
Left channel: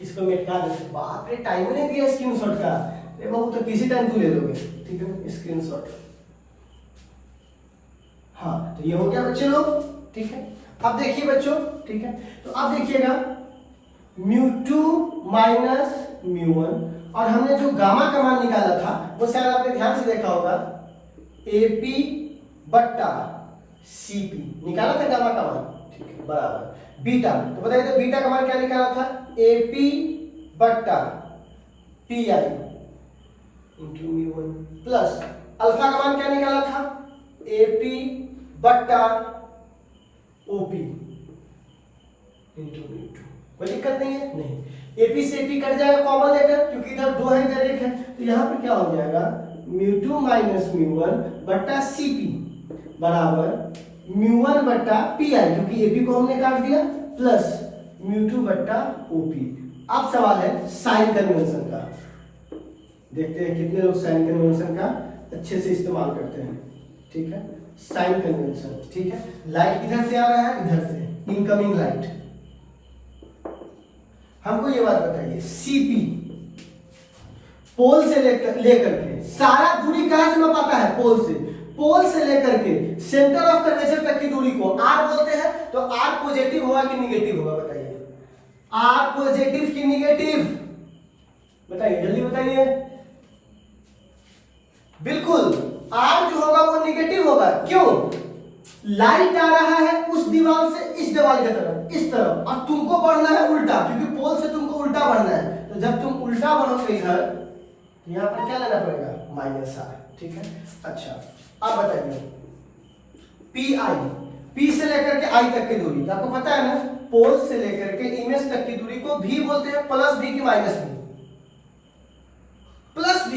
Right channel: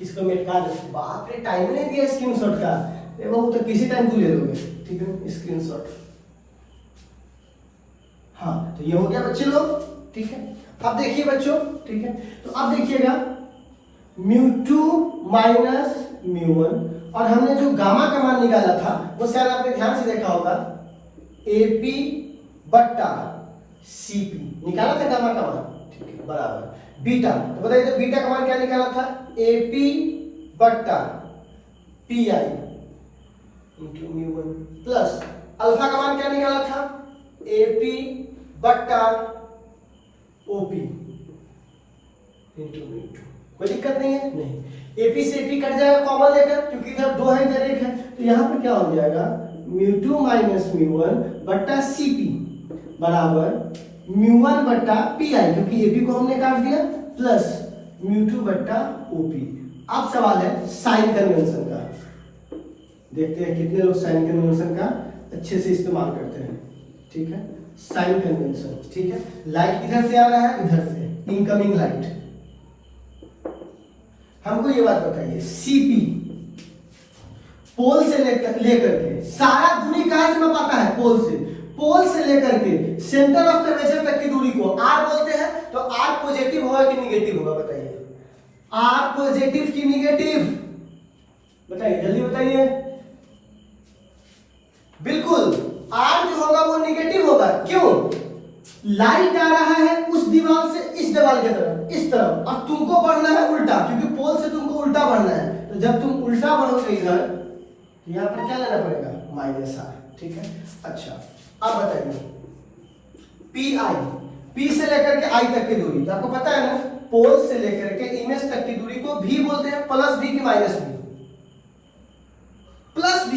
इसको मिटा दे, बाप रे टाइम नहीं दिया स्क्रीनशॉट का, ये बहुत तो किसी टाइम तू ले लोगे, ठीक है स्क्रीनशॉट। हाँ तो ये हो गया बच्चे लोग, ठीक है। अब देखिए बच्चों, ठीक है, तो अब देखिएगा μ2 माइनस μ1, और हमने जो गामा का मान निकाला था वो शायद आपने ध्यान से देखा होगा, AP बट्टा CP निकाला था गामा का मान, ठीक है, बराबर बीटा। तो बताइए तो बीटा का मान क्या निकाला था, AP बट्टा PI इंटू μ1 प्लस अल्फा का मान क्या निकाला था, AP बट्टा OP इंटू μ2। कोई दिक्कत नहीं है, नहीं। AP से AP कट जाएगा कॉमन लेकर, क्योंकि इधर 2 है इधर 1 है, तो यहाँ पर क्या हो जाएगा μ2 माइनस μ1 बट्टा CP बराबर μ1 बट्टा PI, क्योंकि AP को हमने काट दिया, प्लस μ2 बट्टा OP। अब सवाल है साइन कन्वेंशन का, देखते हैं कितने लोग साइन कन्वेंशन का अच्छे से इस्तेमाल करते हैं, ठीक है। साइन कन्वेंशन, ठीक है, लाइट इधर से आ रहा है, इधर से इनकमिंग लाइट। हमको ये बात बताइए, CP पोल से लेकर के सारा दूरी कहां से मापा है, पोल से लेकर के सेंटर ऑफ कर्वेचर तक की दूरी को R बोलते हैं। तो R पॉजिटिव होगा कि निगेटिव होगा, बताइए R पॉजिटिव कि निगेटिव, बताइए जल्दी बताइए। बिल्कुल R जो होगा वो निगेटिव होगा, क्यों, लाइट आ रहा है उस दीवार से इस दीवार की तरफ, इस तरफ, और तुमको बढ़ना है उल्टा, क्योंकि पोल से तुमको उल्टा बढ़ना है। तो जब तुम उल्टा बढ़ोगे इधर, यहाँ पर क्या लेना पड़ेगा, -R, ठीक है। अच्छा अब बताइए PI, P से लेकर के I तक की दूरी, तो आपको पता है ना, पोल से लेकर के इमेज तक की दूरी को V बोलते हैं, प्लस V की माइनस V, प्लस V,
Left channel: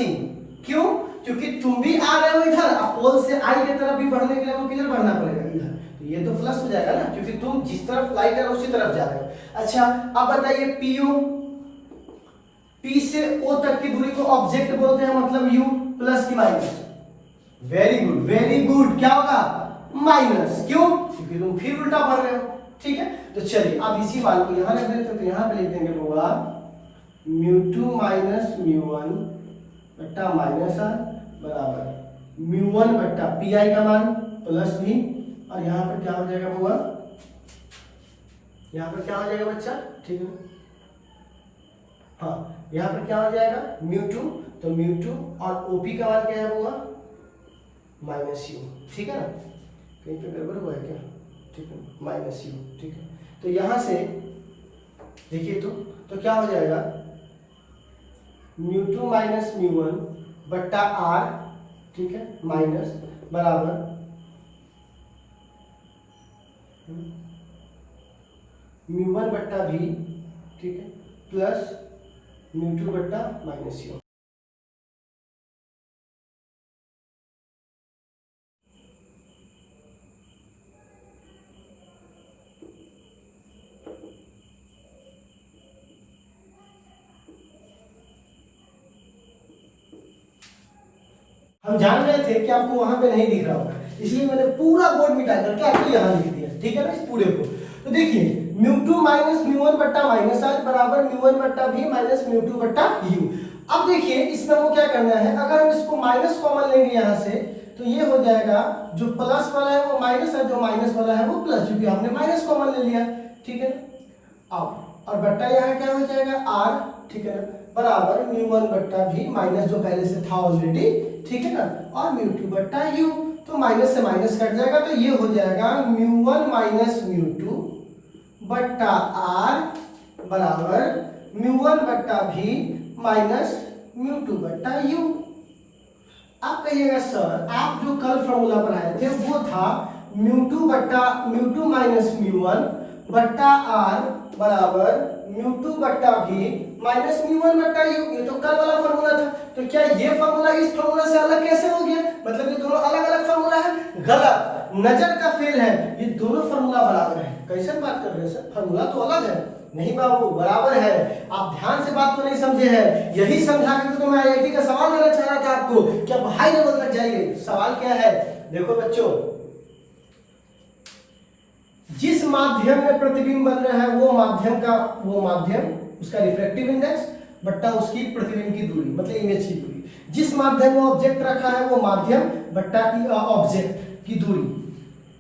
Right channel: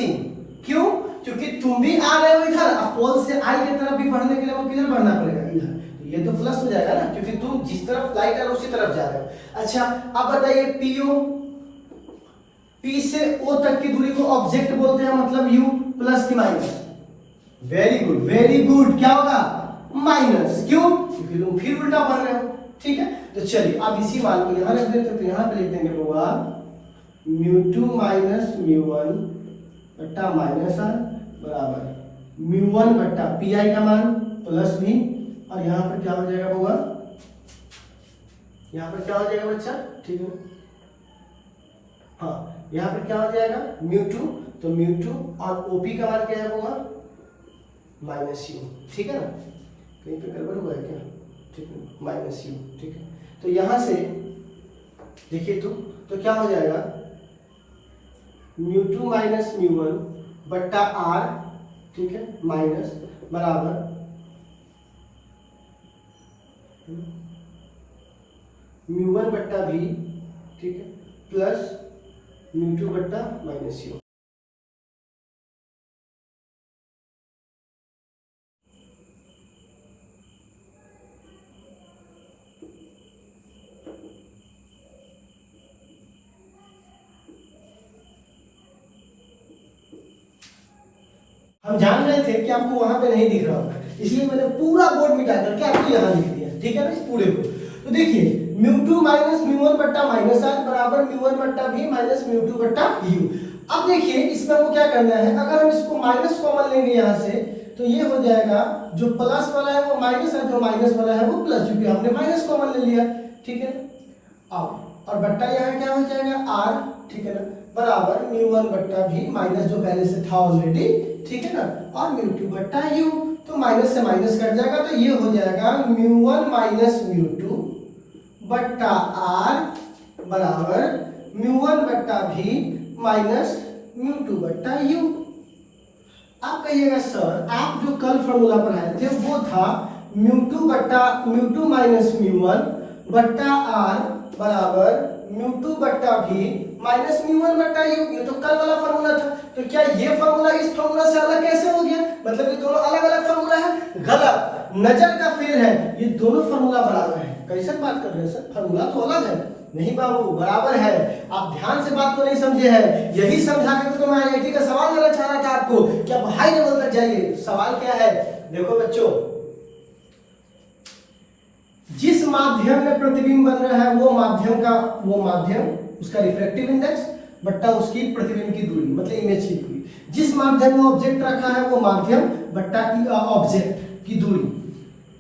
क्यों, क्योंकि तुम भी आ रहे हो इधर, अब पोल से I की तरफ भी बढ़ने के लिए वो किधर बढ़ना पड़ेगा, इधर, तो ये तो प्लस हो जाएगा ना, क्योंकि तुम जिस तरफ लाइट है उसी तरफ जा रहे हो। अच्छा अब बताइए PO, P से O तक की दूरी को ऑब्जेक्ट बोलते हैं, मतलब U प्लस की माइनस, वेरी गुड, क्या होगा, माइनस, क्यों, क्योंकि तुम फिर उल्टा बढ़ रहे हो, ठीक है। तो चलिए अब इसी मान को यहां रख देते हैं, तो यहां पे लिख देंगे होगा μ2 माइनस μ1 बट्टा -R बराबर μ1 बट्टा PI का मान प्लस V, और यहाँ पर क्या हो जाएगा होगा, यहाँ पर क्या हो जाएगा बच्चा, ठीक है, हाँ यहाँ पर क्या हो जाएगा μ2, तो μ2 और OP का मान क्या होगा -U, ठीक है ना, कहीं पे गड़बड़ हुआ है क्या, ठीक है, -U, ठीक है। तो यहां से देखिए तो क्या हो जाएगा μ2 माइनस μ1 बट्टा R, ठीक है, माइनस बराबर μ1 बट्टा V, ठीक है, प्लस μ2 बट्टा -U। हम जान रहे थे कि आपको वहां पे नहीं दिख रहा होगा, इसलिए मैंने पूरा बोर्ड मिटा करके आपको यहाँ लिख दिया, ठीक है ना, इस पूरे को। तो देखिए μ2 माइनस μ1 बट्टा -R बराबर μ1 बट्टा V माइनस μ2 बट्टा U। अब देखिए इसमें हमको क्या करना है, अगर हम इसको माइनस कॉमन लेंगे यहाँ से, तो ये हो जाएगा जो प्लस वाला है वो माइनस है, जो माइनस वाला है वो प्लस, क्योंकि हमने माइनस कॉमन ले लिया, ठीक है। अब और बट्टा यहाँ क्या हो जाएगा R, ठीक है ना, बराबर μ1 बट्टा V माइनस जो पहले से था ऑलरेडी, ठीक है ना, और μ2 बट्टा U, तो माइनस से माइनस कट जाएगा, तो ये हो जाएगा μ1 माइनस μ2 बट्टा R बराबर μ1 बट्टा V माइनस μ2 बट्टा U। आप कहिएगा सर आप जो कल फॉर्मूला पर आए थे वो था μ2 माइनस μ1 बट्टा आर बराबर म्यू टू बट्टा भी माइनस म्यू वन बट्टा यू। ये तो कल वाला फॉर्मूला था, तो क्या ये फॉर्मूला इस फॉर्मूला से अलग कैसे हो गया? मतलब ये दोनों अलग अलग फॉर्मूला है? गलत, नजर का फेल है, ये दोनों फॉर्मूला बराबर है। कैसे बात कर रहे हैं सर, फॉर्मूला तो अलग है। नहीं बाबू, बराबर है। आप ध्यान से बात को नहीं समझे हैं, यही समझा के तो मैं आईआईटी का सवाल देना चाह रहा था आपको कि आप हाई लेवल तक जाइए। सवाल क्या है, देखो बच्चों, जिस माध्यम में प्रतिबिंब बन रहा है वो माध्यम उसका रिफ्रैक्टिव इंडेक्स बट्टा उसकी प्रतिबिंब की दूरी, मतलब इमेज की दूरी। जिस माध्यम में ऑब्जेक्ट रखा है वो माध्यम बट्टा ऑब्जेक्ट की दूरी।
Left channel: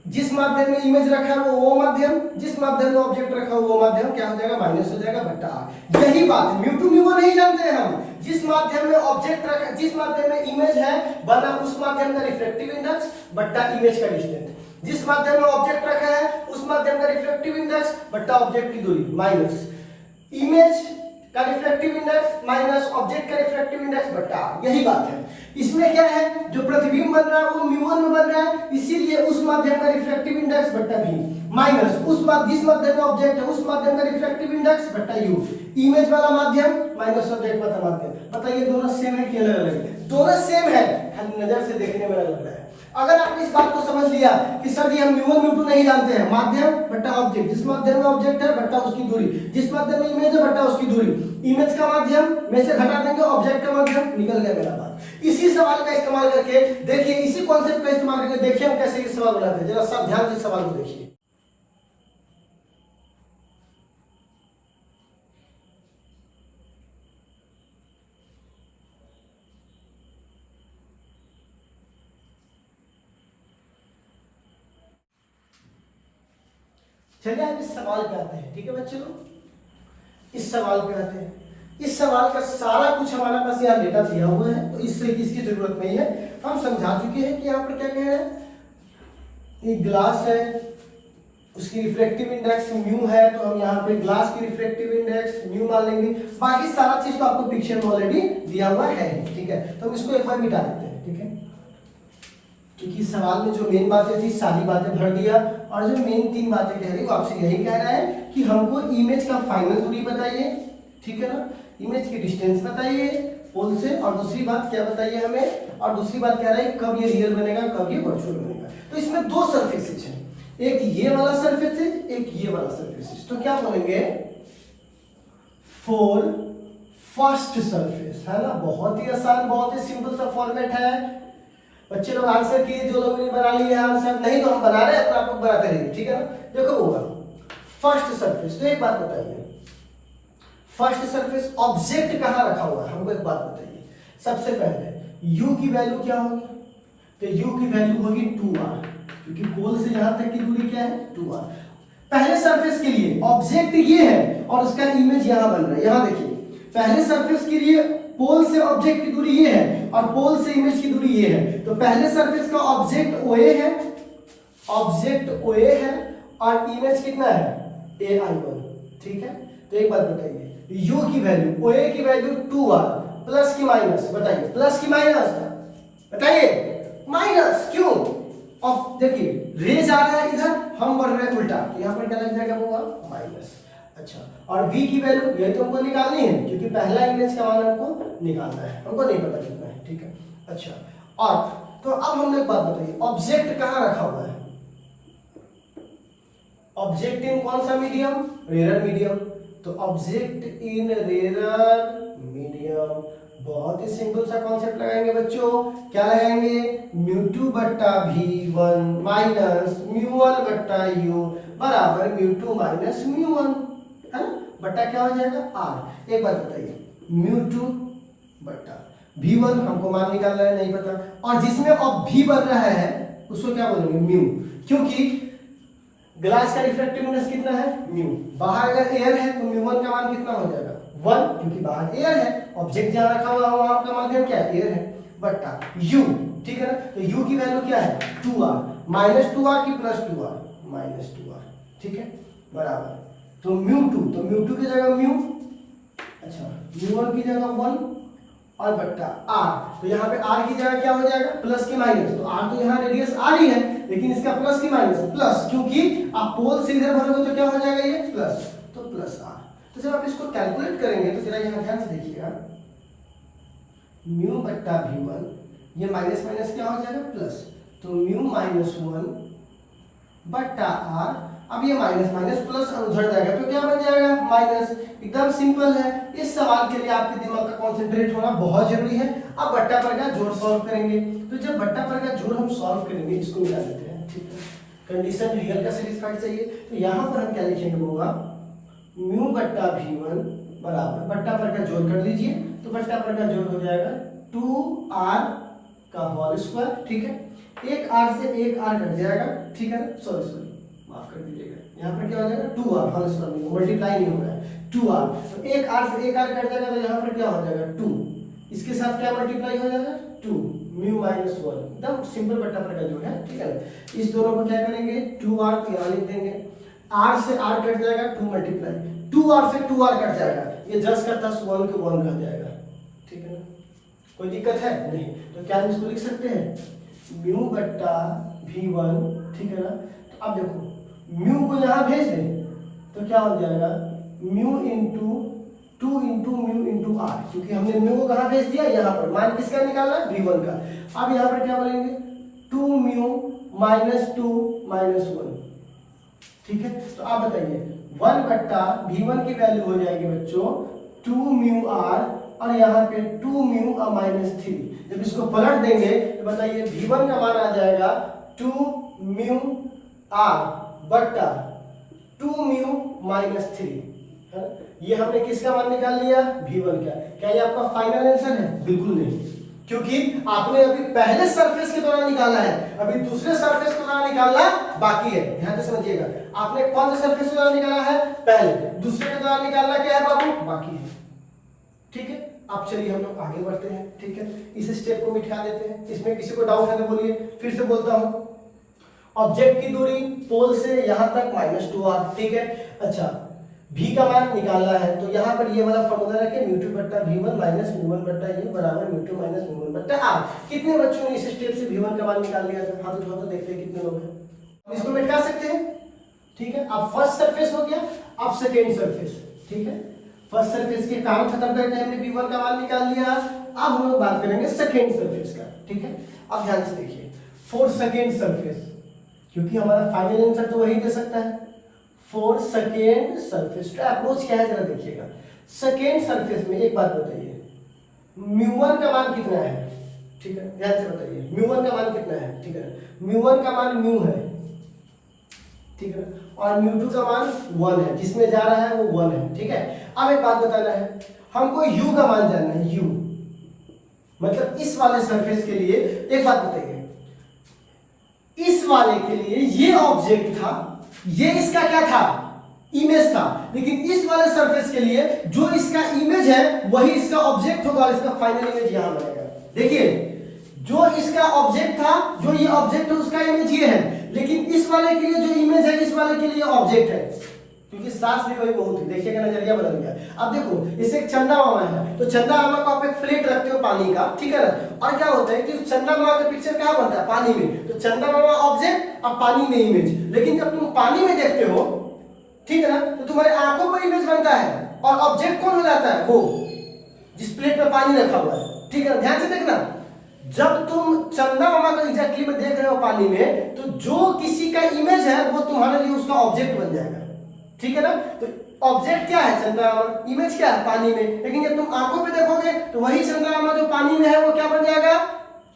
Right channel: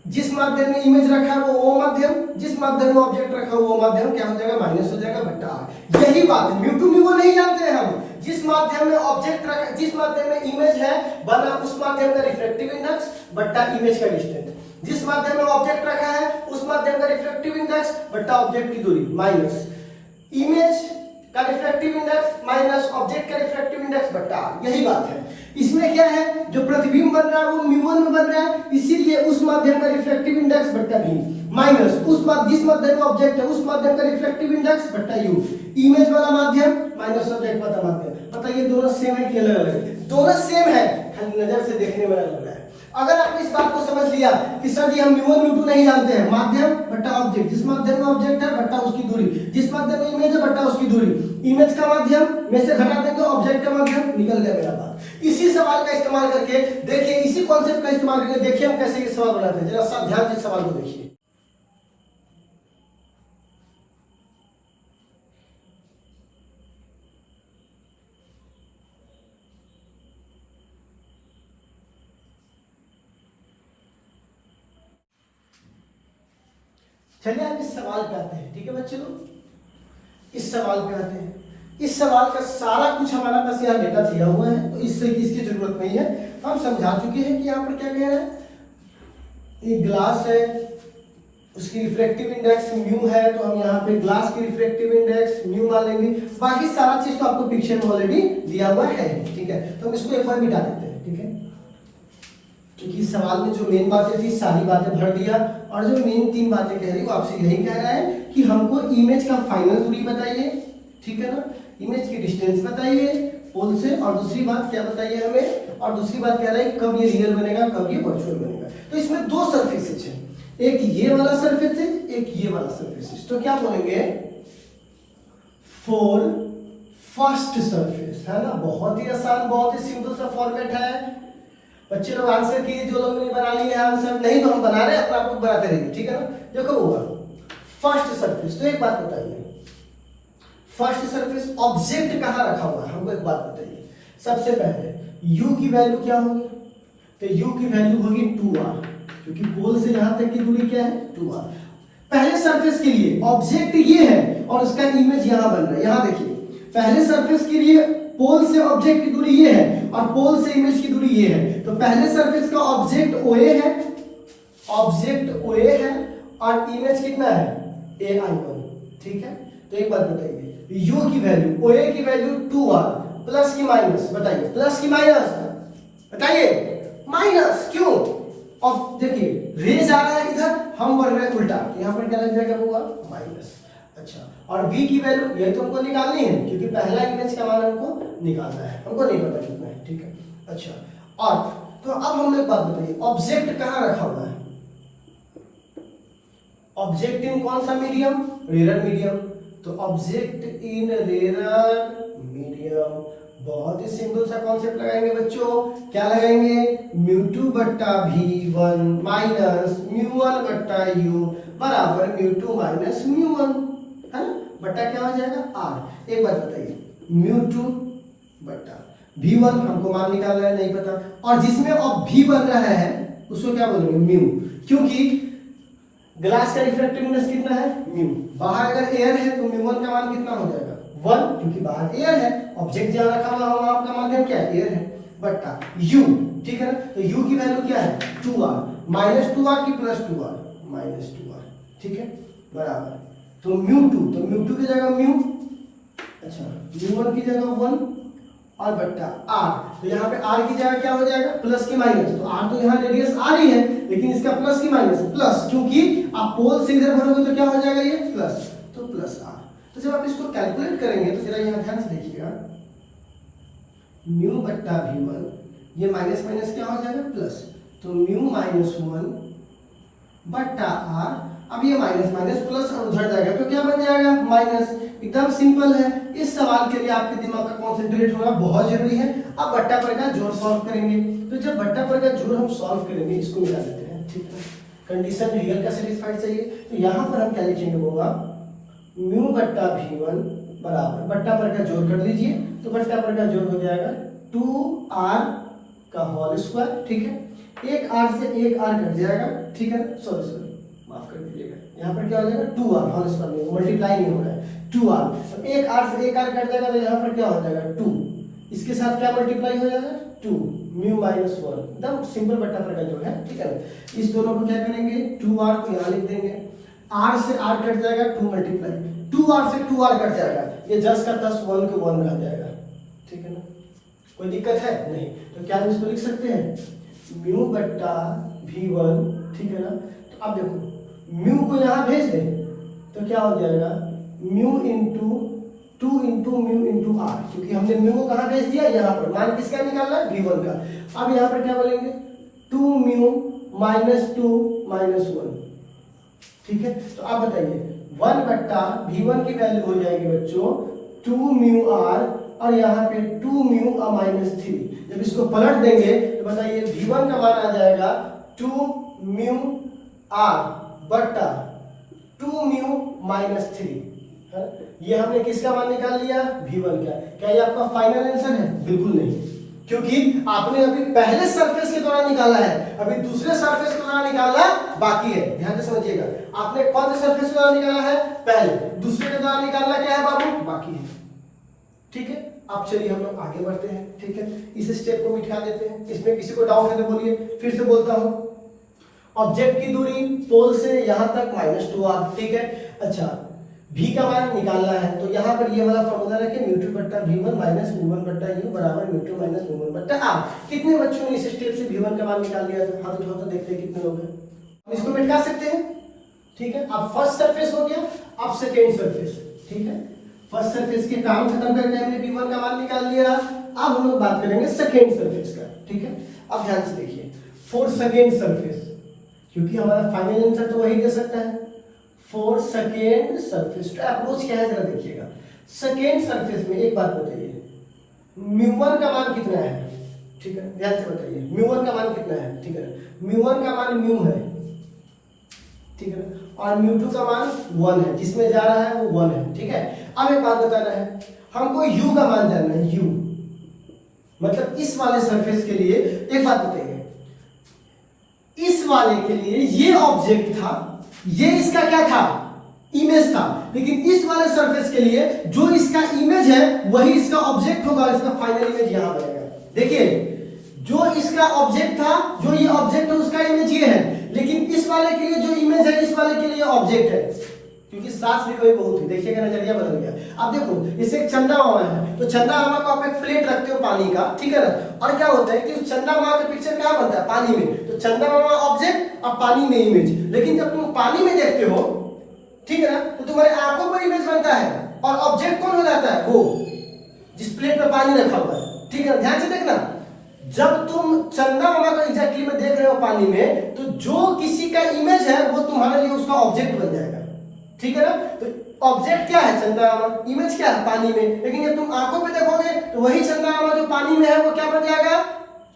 जिस माध्यम में इमेज रखा है वो माध्यम, जिस माध्यम में ऑब्जेक्ट रखा है वो माध्यम क्या हो जाएगा, माइनस हो जाएगा बट्टा आर। यही बात है, म्यू टू म्यू नहीं जानते हैं हम। जिस माध्यम में ऑब्जेक्ट रखा, जिस माध्यम में इमेज है बना उस माध्यम का रिफ्रैक्टिव इंडेक्स बट्टा इमेज का डिस्टेंस। जिस माध्यम में ऑब्जेक्ट रखा है उस माध्यम का रिफ्रैक्टिव इंडेक्स बट्टा ऑब्जेक्ट की दूरी माइनस इमेज का रिफ्रैक्टिव इंडेक्स माइनस ऑब्जेक्ट का रिफ्रैक्टिव इंडेक्स बट्टा आर। यही बात है। इसमें क्या है, जो प्रतिबिंब बन रहा है वो म्यू वन में बन रहा है, इसीलिए उस माध्यम का रिफ्रैक्टिव इंडेक्स बट्टा भी माइनस जिस माध्यम में ऑब्जेक्ट है उस माध्यम का रिफ्रैक्टिव इंडेक्स बट्टा यू। इमेज वाला माध्यम माइनस ऑब्जेक्ट वाला माध्यम। बताइए दोनों सेम है कि अलग अलग है? दोनों सेम है, खाली नजर से देखने में लग रहा है। अगर आपने इस बात को समझ लिया कि सर ये हम म्यू वन म्यू टू नहीं जानते हैं, माध्यम बट्टा ऑब्जेक्ट, जिस माध्यम में ऑब्जेक्ट है बट्टा उसकी दूरी, जिस माध्यम में इमेज है बट्टा उसकी दूरी, इमेज का माध्यम में से घटा देंगे ऑब्जेक्ट का माध्यम, निकल गया मेरा बात। इसी सवाल का इस्तेमाल करके देखिए, इसी कॉन्सेप्ट का इस्तेमाल करके देखिए हम कैसे ये सवाल बनाते हैं। जरा सब ध्यान से सवाल को देखिए। चलिए आप इस सवाल पे आते हैं, ठीक है बच्चों लोग, इस सवाल पे आते हैं। इस सवाल का सारा कुछ हमारे पास यहाँ डेटा दिया हुआ है, तो इसकी जरूरत नहीं है, हम समझा चुके हैं कि यहाँ पर क्या कह रहे हैं। ये ग्लास है, उसकी रिफ्रैक्टिव इंडेक्स म्यू है, तो हम यहाँ पे ग्लास की रिफ्रैक्टिव इंडेक्स म्यू मान लेंगे। बाकी सारा चीज तो आपको पिक्चर में ऑलरेडी दिया हुआ है, ठीक है। तो हम इसको एक बार मिटा देते हैं, ठीक है, क्योंकि सवाल में जो मेन बातें थी सारी बातें भर दिया, और जो मेन 3 बातें कह रही आपसे यही कह रहा है कि हमको इमेज का फाइनल दूरी बताइए, ठीक है ना, इमेज की डिस्टेंस बताइए पोल से, और दूसरी बात क्या बताइए हमें, और दूसरी बात कह रहा है कब ये रियल बनेगा कब ये वर्चुअल बनेगा। तो इसमें 2 सरफेसेस है, एक ये वाला सरफेस है, एक ये वाला सरफेस है। तो क्या बोलेंगे, फॉर फर्स्ट सरफेस, है ना। बहुत ही आसान, बहुत ही सिंपल सा फॉर्मेट है। बच्चे लोग आंसर किए, जो लोग ने बना लिया है आंसर, नहीं तो हम बना रहे हैं, अपना आप लोग बनाते रहिए, ठीक है ना। देखो वो फर्स्ट सरफेस, तो एक बात बताइए, फर्स्ट सरफेस ऑब्जेक्ट कहाँ रखा हुआ है, हमको एक बात बताइए। सबसे पहले u की वैल्यू क्या होगी, तो u की वैल्यू होगी 2r, क्योंकि पोल से यहां तक की दूरी क्या है 2r। पहले सरफेस के लिए ऑब्जेक्ट ये है और उसका इमेज यहां बन रहा है। यहां देखिए, पहले सरफेस के लिए पोल से ऑब्जेक्ट की दूरी ये है और पोल से इमेज की दूरी ये है। तो पहले सरफेस का ऑब्जेक्ट OA है, ऑब्जेक्ट OA है, और इमेज कितना है AI1, ठीक है। तो एक बात बताइए, U की वैल्यू, OA की वैल्यू 2r, प्लस की माइनस, बताइए प्लस की माइनस, बताइए माइनस क्यों। अब देखिए रेज आ रहा है इधर, हम बढ़ रहे हैं उल्टा, यहाँ पर क्या लग जाएगा होगा माइनस। अच्छा, और v की वैल्यू ये तो हमको निकालनी है, क्योंकि पहला इमेज का मान हमको निकालना है, हमको नहीं पता कितना है, ठीक है। अच्छा, और तो अब हमने एक बात बताइए, ऑब्जेक्ट कहाँ रखा हुआ है, ऑब्जेक्ट इन कौन सा मीडियम, रेयर मीडियम। तो ऑब्जेक्ट इन रेयर मीडियम, बहुत ही सिंपल सा कॉन्सेप्ट लगाएंगे बच्चों, क्या लगाएंगे, म्यू टू बट्टा v1 माइनस म्यू वन बट्टा u बराबर mu two minus mu one, है ना, बट्टा क्या हो जाएगा r। एक बात बताइए, म्यू टू बट्टा v1 हमको मान निकालना है, नहीं पता, और जिसमें अब v बन रहा है उसको क्या बोलेंगे म्यू, क्योंकि ग्लास का रिफ्रैक्टिव इंडेक्स कितना है म्यू। बाहर अगर एयर है तो म्यू वन का मान कितना हो जाएगा 1, क्योंकि बाहर एयर है, ऑब्जेक्ट जहां रखा हुआ होगा आपका माध्यम क्या है एयर है, बट्टा u, ठीक है ना। तो u की वैल्यू क्या है 2r, माइनस 2r की प्लस 2r, माइनस 2r, ठीक है, बराबर। तो म्यू टू, तो म्यू टू की जगह म्यू, अच्छा म्यू वन की जगह 1 और बट्टा r। तो यहाँ पे r की जगह क्या हो जाएगा प्लस की माइनस, तो r तो यहाँ रेडियस r ही है, लेकिन इसका प्लस की माइनस, प्लस, क्योंकि आप पोल से इधर भरोगे तो क्या हो जाएगा ये प्लस, तो प्लस आर। तो जब आप इसको कैलकुलेट करेंगे तो जरा यहाँ ध्यान से देखिएगा, म्यू बट्टा v1, ये माइनस माइनस क्या हो जाएगा प्लस, तो म्यू माइनस 1 बट्टा आर। अब ये माइनस माइनस प्लस उधर जाएगा तो क्या बन जाएगा माइनस। एकदम सिंपल है। इस सवाल के लिए आपके दिमाग का कॉन्सेंट्रेट होना बहुत जरूरी है। अब बट्टा पर का जोड़ सॉल्व करेंगे, तो जब बट्टा पर का जोड़ हम सॉल्व करेंगे, इसको मिला लेते हैं, ठीक है। कंडीशन रियल का सेटिस्फाइड चाहिए, तो यहाँ पर हम क्या लिखेंगे होगा, म्यू बट्टा v1 बराबर बट्टा पर का जोड़ कर लीजिए, तो बट्टा पर का जोड़ हो जाएगा 2r का होल स्क्वायर, ठीक है। एक r से एक r कट जाएगा, ठीक है, सॉरी माफ कर दीजिएगा, यहाँ पर क्या हो जाएगा 2r होल स्क्वायर, मल्टीप्लाई नहीं हो रहा है, 2r, एक r से एक r कट जाएगा तो यहाँ पर क्या हो जाएगा 2, इसके साथ क्या मल्टीप्लाई हो जाएगा 2 म्यू माइनस 1, एकदम सिंपल बट्टा पर का जोड़ है, ठीक है। इस दोनों को क्या करेंगे 2r को यहाँ लिख देंगे, r से r कट जाएगा 2 मल्टीप्लाई 2r से 2r कट जाएगा, ये 10 का 10 1 के 1 रह जाएगा, ठीक है ना। कोई दिक्कत है नहीं, तो क्या हम इसको लिख सकते हैं म्यू बट्टा v1, ठीक है ना। तो अब देखो म्यू को यहाँ भेज दें तो क्या हो जाएगा mu into 2 into mu into R, क्योंकि हमने म्यू को कहाँ भेज दिया, यहाँ पर। मान किसका निकालना है v1 का। अब यहाँ पर क्या बोलेंगे 2 म्यू माइनस 2 माइनस 1, ठीक है। तो आप बताइए 1 बट्टा v1 की वैल्यू हो जाएगी बच्चों 2 म्यू आर, और यहाँ पे 2 म्यू माइनस 3। जब इसको पलट देंगे तो बताइए v1 का मान आ जाएगा 2 म्यू आर बट्टा 2 म्यू माइनस 3। ये हमने किसका मान निकाल लिया v1 का। क्या ये आपका फाइनल आंसर है? बिल्कुल नहीं, क्योंकि आपने अभी पहले सरफेस के दौरान निकाला है, अभी दूसरे सरफेस के दौरान निकालना बाकी है। ध्यान से समझिएगा, आपने कौन से सरफेस के दौरान निकाला है पहले, दूसरे के दौरान निकालना क्या है बाबू बाकी है, ठीक है। अब चलिए हम लोग आगे बढ़ते हैं, ठीक है। इस स्टेप को मिटा देते हैं। इसमें किसी को डाउट है तो बोलिए, फिर से बोलता हूं। ऑब्जेक्ट की दूरी पोल से यहां तक -2r, ठीक है। अच्छा v का मान निकालना है, तो यहाँ पर ये वाला फॉर्मूला रखें म्यू2 बट्टा v1 माइनस v1 बट्टा ये बराबर म्यू2 माइनस v1 बट्टा r। कितने बच्चों ने इस स्टेप से v1 का मान निकाल लिया? हाथ उठाओ तो देखते हैं कितने लोग हैं। हम इसको मिटा सकते हैं, ठीक है। अब फर्स्ट सरफेस हो गया, अब सेकेंड सरफेस, ठीक है। फर्स्ट सरफेस के काम खत्म करके हमने v1 का मान निकाल लिया। अब हम लोग बात करेंगे सेकेंड सरफेस का, ठीक है। अब ध्यान से देखिए फॉर सेकेंड सरफेस, क्योंकि हमारा फाइनल आंसर तो वही दे सकता है। फॉर सेकेंड सरफेस तो अप्रोच क्या है जरा देखिएगा। सेकेंड सरफेस में एक बात बताइए, म्यू1 का मान कितना है, ठीक है। ध्यान से बताइए म्यू1 का मान कितना है, ठीक है। म्यू1 का मान म्यू है, ठीक है, और म्यू2 का मान 1 है, जिसमें जा रहा है वो 1 है, ठीक है। अब एक बात बताना है, हमको u का मान जानना है। u मतलब इस वाले सरफेस के लिए एक बात बताइए, इस वाले के लिए ये ऑब्जेक्ट था, ये इसका क्या था इमेज था, लेकिन इस वाले सरफेस के लिए जो इसका इमेज है वही इसका ऑब्जेक्ट होगा, और इसका फाइनल इमेज यहां बनेगा। देखिए जो इसका ऑब्जेक्ट था, जो ये ऑब्जेक्ट है उसका इमेज ये है, लेकिन इस वाले के लिए जो इमेज है इस वाले के लिए ऑब्जेक्ट है, क्योंकि सांस भी कभी बहुत ही देखिएगा नजरिया बदल गया। अब देखो इसे एक चंदा मामा है, तो चंदा मामा को आप एक प्लेट रखते हो पानी का, ठीक है ना, और क्या होता है कि चंदा मामा का पिक्चर कहाँ बनता है पानी में, तो चंदा मामा ऑब्जेक्ट और पानी में इमेज। लेकिन जब तुम पानी में देखते हो, ठीक है ना, तो तुम्हारी आंखों पर इमेज बनता है, और ऑब्जेक्ट कौन हो जाता है, वो जिस प्लेट में पानी रखा हुआ है, ठीक है। ध्यान से देखना, जब तुम चंदा मामा को एग्जैक्टली में देख रहे हो पानी में, तो जो किसी का इमेज है वो तुम्हारे लिए उसका ऑब्जेक्ट बन जाएगा, ठीक है ना। तो ऑब्जेक्ट क्या है चंदा मामा, इमेज क्या है पानी में, लेकिन जब तुम आंखों पे देखोगे तो वही चंदा मामा जो पानी में है वो क्या बन जाएगा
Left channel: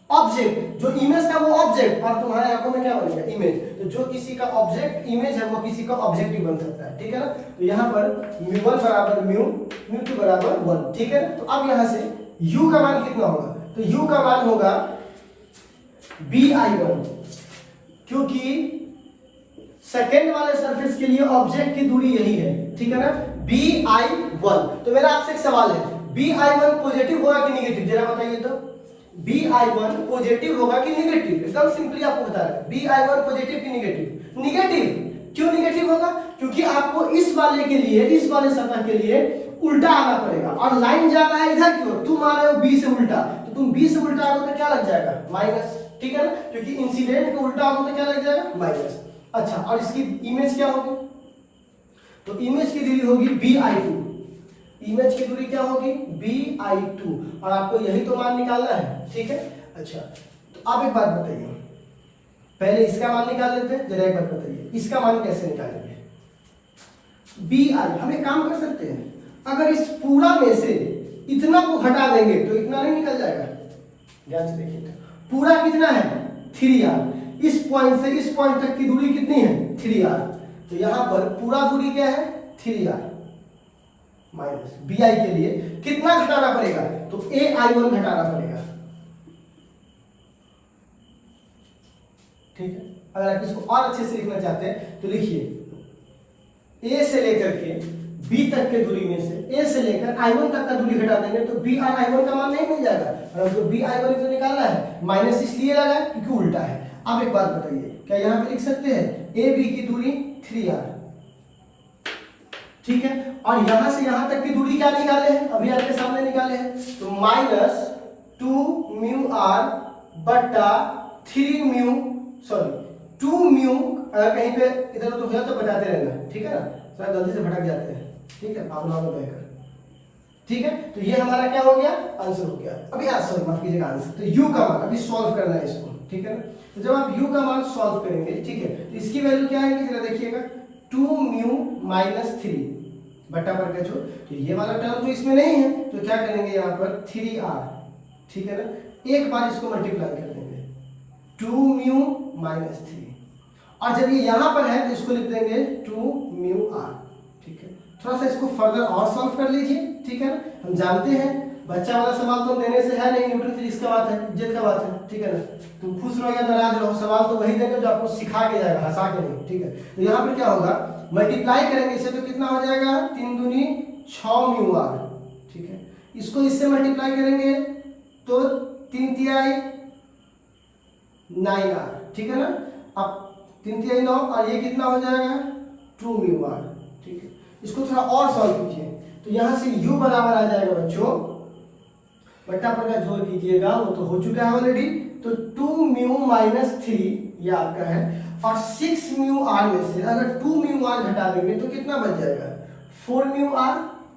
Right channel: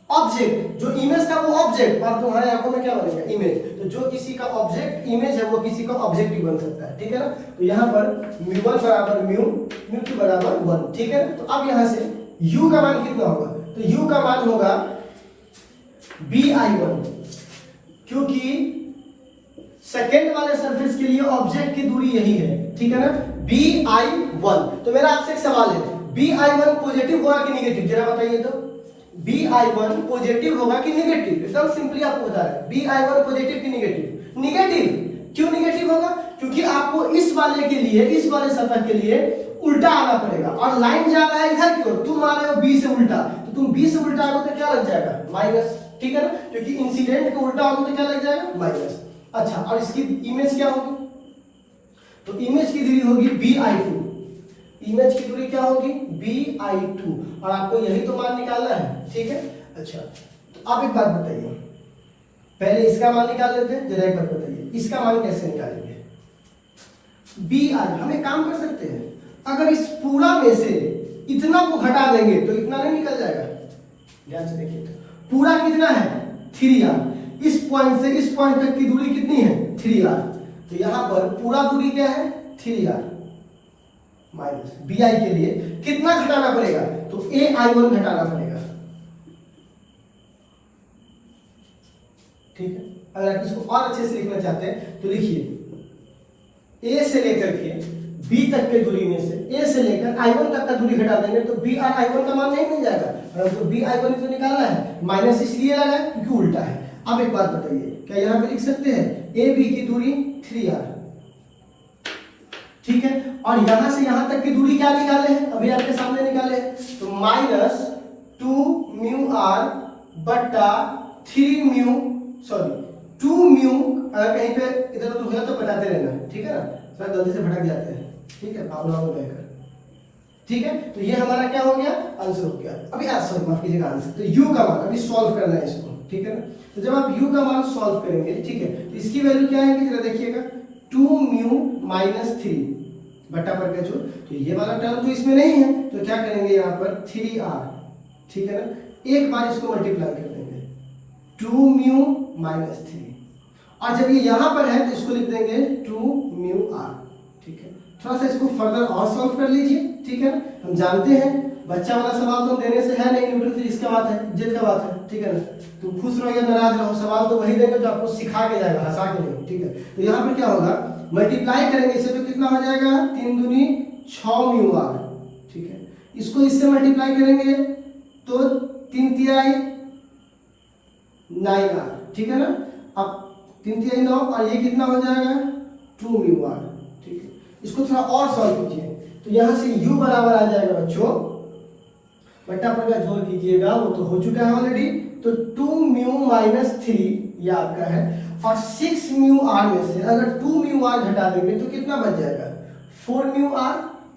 ऑब्जेक्ट, जो इमेज था वो ऑब्जेक्ट, और तुम्हारे आंखों में क्या बनेगा इमेज। तो जो किसी का ऑब्जेक्ट इमेज है वो किसी का ऑब्जेक्ट भी बन सकता है, ठीक है ना। तो यहाँ पर म्यू1 बराबर म्यू2 बराबर 1, ठीक है। तो अब यहाँ से u का मान कितना होगा, तो u का मान होगा bi1, क्योंकि सेकेंड वाले सरफेस के लिए ऑब्जेक्ट की दूरी यही है, ठीक है ना, bi1। तो मेरा आपसे एक सवाल है, bi1 पॉजिटिव होगा कि नेगेटिव, जरा बताइए तो। bi1 पॉजिटिव होगा कि नेगेटिव, एकदम सिंपली आपको बता रहा है bi1 पॉजिटिव कि नेगेटिव। नेगेटिव क्यों नेगेटिव होगा, क्योंकि आपको इस वाले के लिए, इस वाले सतह के लिए उल्टा आना पड़ेगा, और लाइन जा रहा है इधर की ओर, तुम आ रहे हो b से उल्टा, तो तुम b से उल्टा आओगे तो क्या लग जाएगा माइनस, ठीक है ना, क्योंकि इंसिडेंट का उल्टा होगा तो क्या लग जाएगा, माइनस। अच्छा, और इसकी इमेज क्या होगी, तो इमेज की दूरी होगी bi2, इमेज की दूरी क्या होगी bi2, और आपको यही तो मान निकालना है, ठीक है। अच्छा, तो आप एक बात बताइए, पहले इसका मान निकाल देते हैं, जरा एक बात बताइए इसका मान कैसे निकालेंगे। bi, हम एक काम कर सकते हैं, अगर इस पूरा में से इतना को घटा देंगे तो इतना नहीं निकल जाएगा। ध्यान से देखिए, तो पूरा कितना है 3r, इस पॉइंट से इस पॉइंट तक की दूरी कितनी है 3r, तो यहां पर पूरा दूरी क्या है 3r माइनस bi के लिए कितना घटाना पड़ेगा, तो ai1 घटाना पड़ेगा, ठीक है। अगर आप इसको और अच्छे से लिखना चाहते हैं तो लिखिए a से लेकर के b तक के दूरी में से a से लेकर i1 तक का दूरी घटा देंगे तो b और i1 का मान नहीं मिल जाएगा, और जो b i1 को निकालना है माइनस इसलिए लगा है क्योंकि उल्टा है। अब एक बात बताइए, क्या यहाँ पे लिख सकते हैं a b की दूरी 3r, ठीक है, और यहां से यहां तक की दूरी क्या निकाले हैं, अभी आपके सामने निकाले हैं, तो माइनस 2 म्यू r बट्टा 3 म्यू, सॉरी 2 म्यू, अगर कहीं पे इधर तो होगा तो बताते रहना, ठीक है ना, सर गलती से भटक जाते हैं, ठीक है, भावना में बहकर, ठीक है। तो ये हमारा क्या हो गया, आंसर हो गया। अभी आंसर माफ कीजिएगा, आंसर तो u का मान अभी सॉल्व करना है इसको, ठीक है ना। तो जब आप u का मान सॉल्व करेंगे, ठीक है, तो इसकी वैल्यू क्या आएगी जरा देखिएगा, 2 म्यू माइनस 3 बट्टा पर का जो, तो ये वाला टर्म तो इसमें नहीं है, तो क्या करेंगे यहाँ पर 3r, ठीक है ना, एक बार इसको मल्टीप्लाई कर देंगे 2 म्यू माइनस 3, और जब ये यहाँ पर है तो इसको लिख देंगे 2 म्यू r, ठीक है। थोड़ा सा इसको फर्दर और सॉल्व कर लीजिए, ठीक है ना, हम जानते हैं बच्चा वाला सवाल तो देने से है नहीं, न्यूटन फिजिक्स का बात है, इज्जत का बात है, ठीक है ना, तुम खुश रहो या नाराज रहो, सवाल तो वही देंगे जो आपको सिखा के जाएगा, हंसा के नहीं, ठीक है। तो यहाँ पे क्या होगा, मल्टीप्लाई करेंगे इससे तो कितना हो जाएगा 3 दूनी 6 म्यू r, ठीक है, इसको इससे मल्टीप्लाई करेंगे तो 3 तिहाई 9r, ठीक है ना, अब 3 तिहाई 9 और ये कितना हो जाएगा 2 म्यू r, ठीक है। इसको थोड़ा और सॉल्व कीजिए, तो यहाँ से u बराबर आ जाएगा बच्चों, बट्टा पर का जोड़ कीजिएगा, वो तो हो चुका है ऑलरेडी, तो 2 म्यू माइनस 3 ये आपका है, और 6 म्यू r में से अगर 2 म्यू r घटा देंगे तो कितना बच जाएगा 4 म्यू r,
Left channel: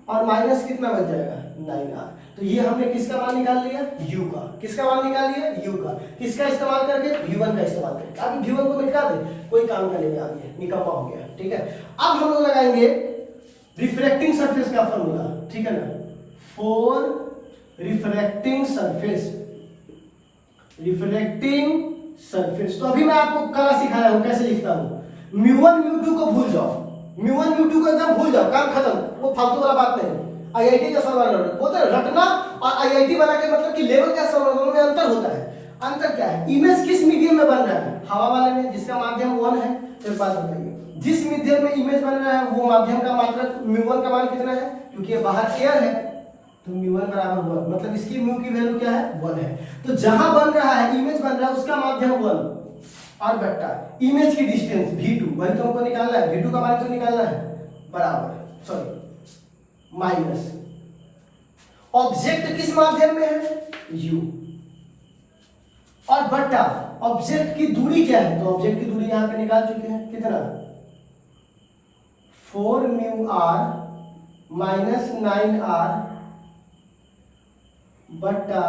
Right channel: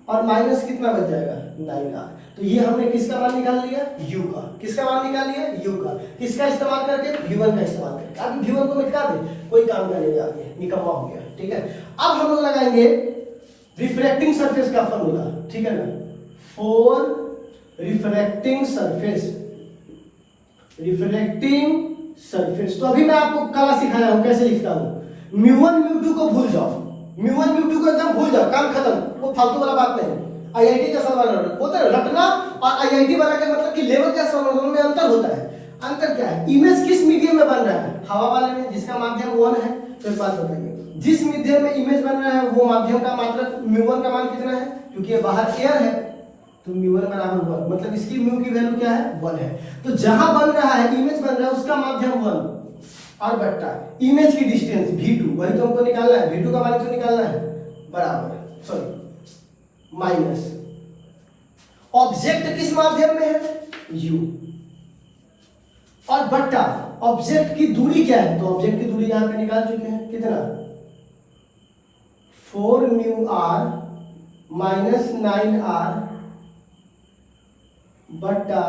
और माइनस कितना बच जाएगा 9r। तो ये हमने किसका मान निकाल लिया, u का, किसका मान निकाल लिया u का, किसका इस्तेमाल करके v1 का इस्तेमाल करके। अब v1 को मिटा दे, कोई काम का नहीं आगे, निकम्मा हो गया, ठीक है। अब हम लोग लगाएंगे रिफ्रैक्टिंग सरफेस का फॉर्मूला, ठीक है ना, for refracting surface, refracting surface. तो अभी मैं आपको कला सिखाया हूं कैसे लिखता हूं, म्यू1 म्यू2 को भूल जाओ, म्यू1 म्यू2 को एकदम भूल जाओ, काम खत्म, वो फालतू वाला बात नहीं। आईआईटी का सवाल होता है रटना, और आईआईटी बना के मतलब कि लेवल का सवाल में अंतर होता है। अंतर क्या है, इमेज किस मीडियम में बन रहा है, हवा वाले में, जिसका माध्यम 1 है। फिर बात बताइए, जिस मीडियम में इमेज बन रहा है वो माध्यम का मात्रा म्यू1 का मान कितना है, क्योंकि ये बाहर एयर है, तो म्यू1 बराबर 1, मतलब इसकी म्यू की वैल्यू क्या है 1 है। तो जहां बन रहा है इमेज बन रहा है उसका माध्यम 1, और बट्टा इमेज की डिस्टेंस v2, वही तो हमको निकालना है, v2 का मान से निकालना है, बराबर सॉरी माइनस ऑब्जेक्ट किस माध्यम में है u, और बट्टा ऑब्जेक्ट की दूरी क्या है, तो ऑब्जेक्ट की दूरी यहां पे निकाल चुके हैं, कितना 4 म्यू r माइनस 9r बट्टा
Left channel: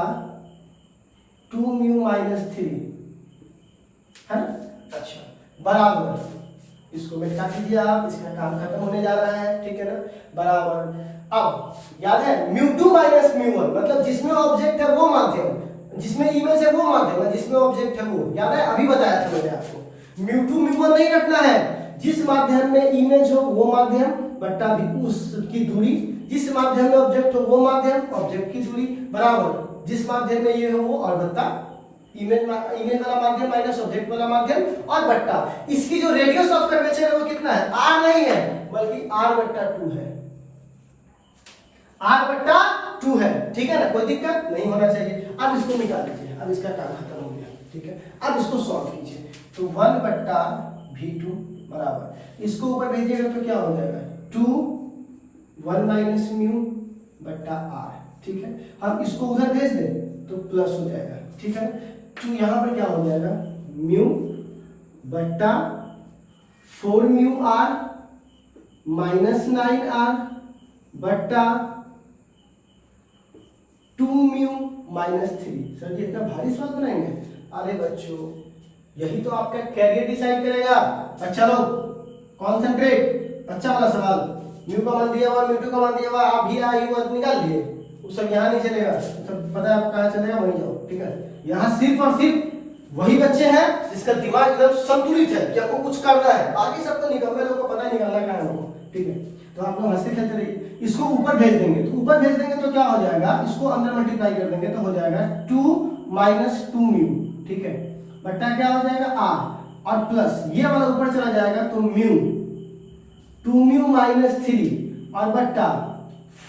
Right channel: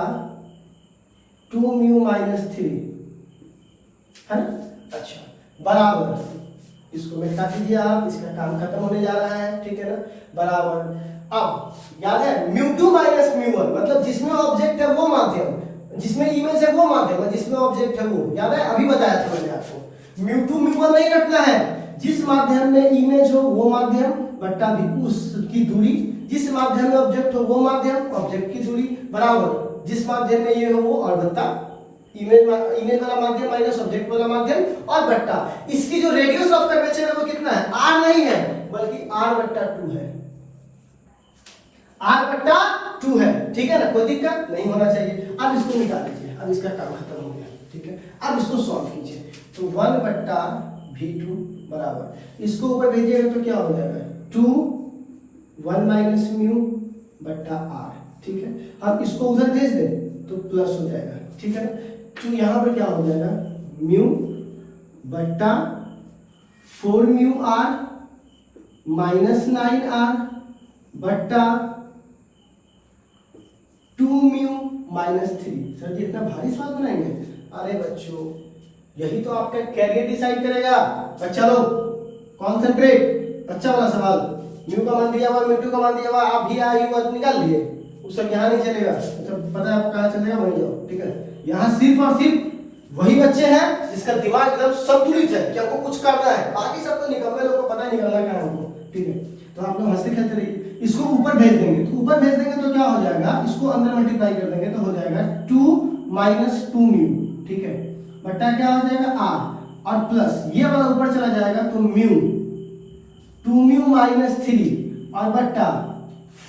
2 म्यू माइनस 3 है ना। अच्छा, बराबर इसको मिटा दीजिए आप, इसका काम खत्म होने जा रहा है, ठीक है ना, बराबर। अब याद है म्यू2 माइनस म्यू1, मतलब जिसमें ऑब्जेक्ट है वो माध्यम, जिसमें इमेज है वो माध्यम, जिसमें ऑब्जेक्ट है वो, याद है अभी बताया था मैंने आपको, म्यू2 म्यू1 नहीं रखना है, जिस माध्यम में इमेज हो वो माध्यम बट्टा भी उसकी दूरी, जिस माध्यम में ऑब्जेक्ट हो वो माध्यम, ऑब्जेक्ट की दूरी, बराबर जिस माध्यम में ये हो वो, और बट्टा इमेज वाला माध्यम माइनस ऑब्जेक्ट वाला माध्यम, और बट्टा इसकी जो रेडियस ऑफ कर्वेचर है वो कितना है, r नहीं है बल्कि r बट्टा 2 है, r बट्टा 2 है, ठीक है ना, कोई दिक्कत नहीं होना चाहिए। अब इसको मिटा दीजिए, अब इसका काम खत्म हो गया, ठीक है। अब इसको सॉल्व कीजिए, तो 1 बट्टा v2 बराबर, इसको ऊपर भेजिएगा तो क्या हो जाएगा 2 1 माइनस म्यू बट्टा r, ठीक है। अब इसको उधर भेज दें तो प्लस हो जाएगा, ठीक है ना। तो यहाँ पर क्या हो जाएगा, म्यू बट्टा 4 म्यू आर माइनस 9 आर बट्टा 2 म्यू माइनस 3। सर जी इतना भारी सवाल बनाएंगे? अरे बच्चों यही तो आपका कैरियर डिसाइड करेगा। बच्चा लोग कॉन्सेंट्रेट, अच्छा वाला सवाल। म्यू का मान दिया हुआ, म्यू टू का मान दिया हुआ, आप भी आई हुआ निकाल लिए, उस सब यहाँ नहीं चलेगा। तो पता है आप कहाँ चलेगा, वहीं जाओ, ठीक है। यहाँ सिर्फ और सिर्फ वही बच्चे हैं जिसका दिमाग एकदम संतुलित है कि आपको कुछ करना है, बाकी सब तो निकम्मे लोगों को पता नहीं निकलना क्या है, ठीक है। तो आप लोग हंसते खेलते रहिए। इसको ऊपर भेज देंगे, तो ऊपर भेज देंगे तो क्या हो जाएगा, इसको अंदर मल्टीप्लाई कर देंगे तो हो जाएगा 2 माइनस 2 म्यू, ठीक है, बट्टा क्या हो जाएगा आर, और प्लस ये वाला ऊपर चला जाएगा तो म्यू 2 म्यू माइनस 3 और बट्टा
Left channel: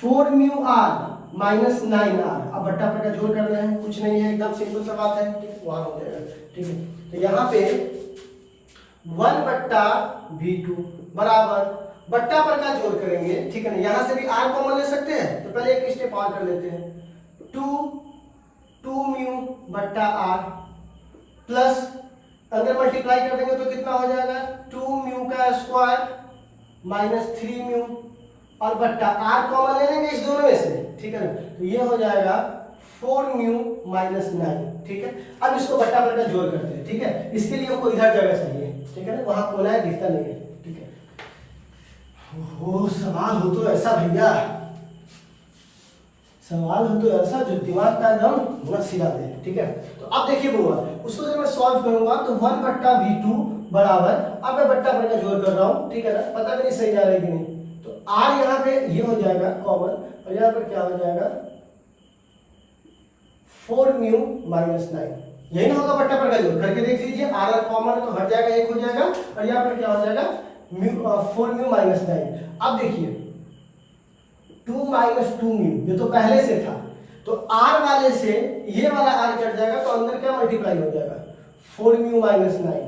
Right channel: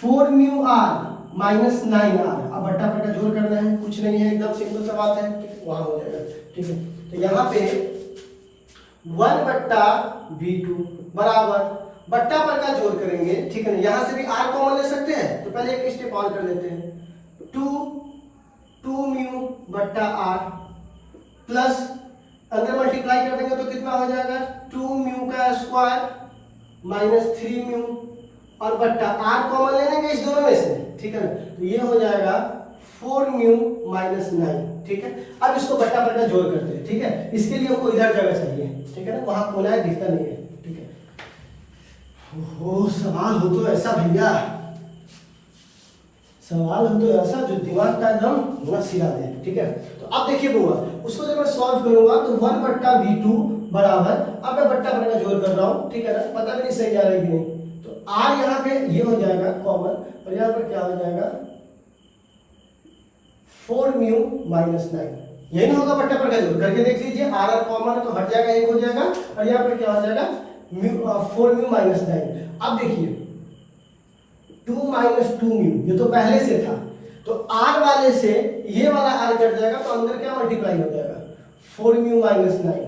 4 म्यू आर माइनस 9 आर। अब बट्टा बट्टा जोड़ कर रहे हैं, कुछ नहीं है, एकदम सिंपल सा बात है, ठीक है, वहां हो जाएगा, ठीक है। तो यहाँ पे 1 बट्टा v2 बराबर बट्टा पर का जोड़ करेंगे, ठीक है ना। यहाँ से भी r कॉमन ले सकते हैं, तो पहले एक स्टेप और कर लेते हैं, 2 म्यू बट्टा r प्लस अंदर मल्टीप्लाई कर देंगे तो कितना हो जाएगा, 2 म्यू का स्क्वायर माइनस 3 म्यू और बट्टा r कॉमन ले लेंगे इस दोनों में से, ठीक है ना। तो ये हो जाएगा 4 म्यू माइनस 9, ठीक है। अब इसको बट्टा पर का जोड़ करते हैं, ठीक है। इसके लिए हमको इधर जगह चाहिए, ठीक है ना, वहां कोना है दिखता नहीं है, ठीक है। हो सवाल हो तो ऐसा भैया, सवाल हो तो ऐसा जो दिमाग का एकदम नस हिला दे, ठीक है। तो अब देखिए बोला, उसको जब मैं सॉल्व करूंगा तो 1 बट्टा v2 बराबर, अब मैं बट्टा पर का जोड़ कर रहा हूं, ठीक है ना, पता भी नहीं सही जा रहा है कि नहीं। तो r यहाँ पे ये हो जाएगा कॉमन, और यहाँ पर क्या हो जाएगा 4 म्यू माइनस 9, यही ना होगा बट्टा पर का जोड़, करके देख लीजिए। r कॉमन है तो हट जाएगा, एक हो जाएगा, और यहाँ पर क्या हो जाएगा 4 म्यू माइनस 9। अब देखिए 2 माइनस 2 म्यू, ये तो पहले से था, तो r वाले से ये वाला r कट जाएगा, तो अंदर क्या मल्टीप्लाई हो जाएगा 4 म्यू माइनस 9,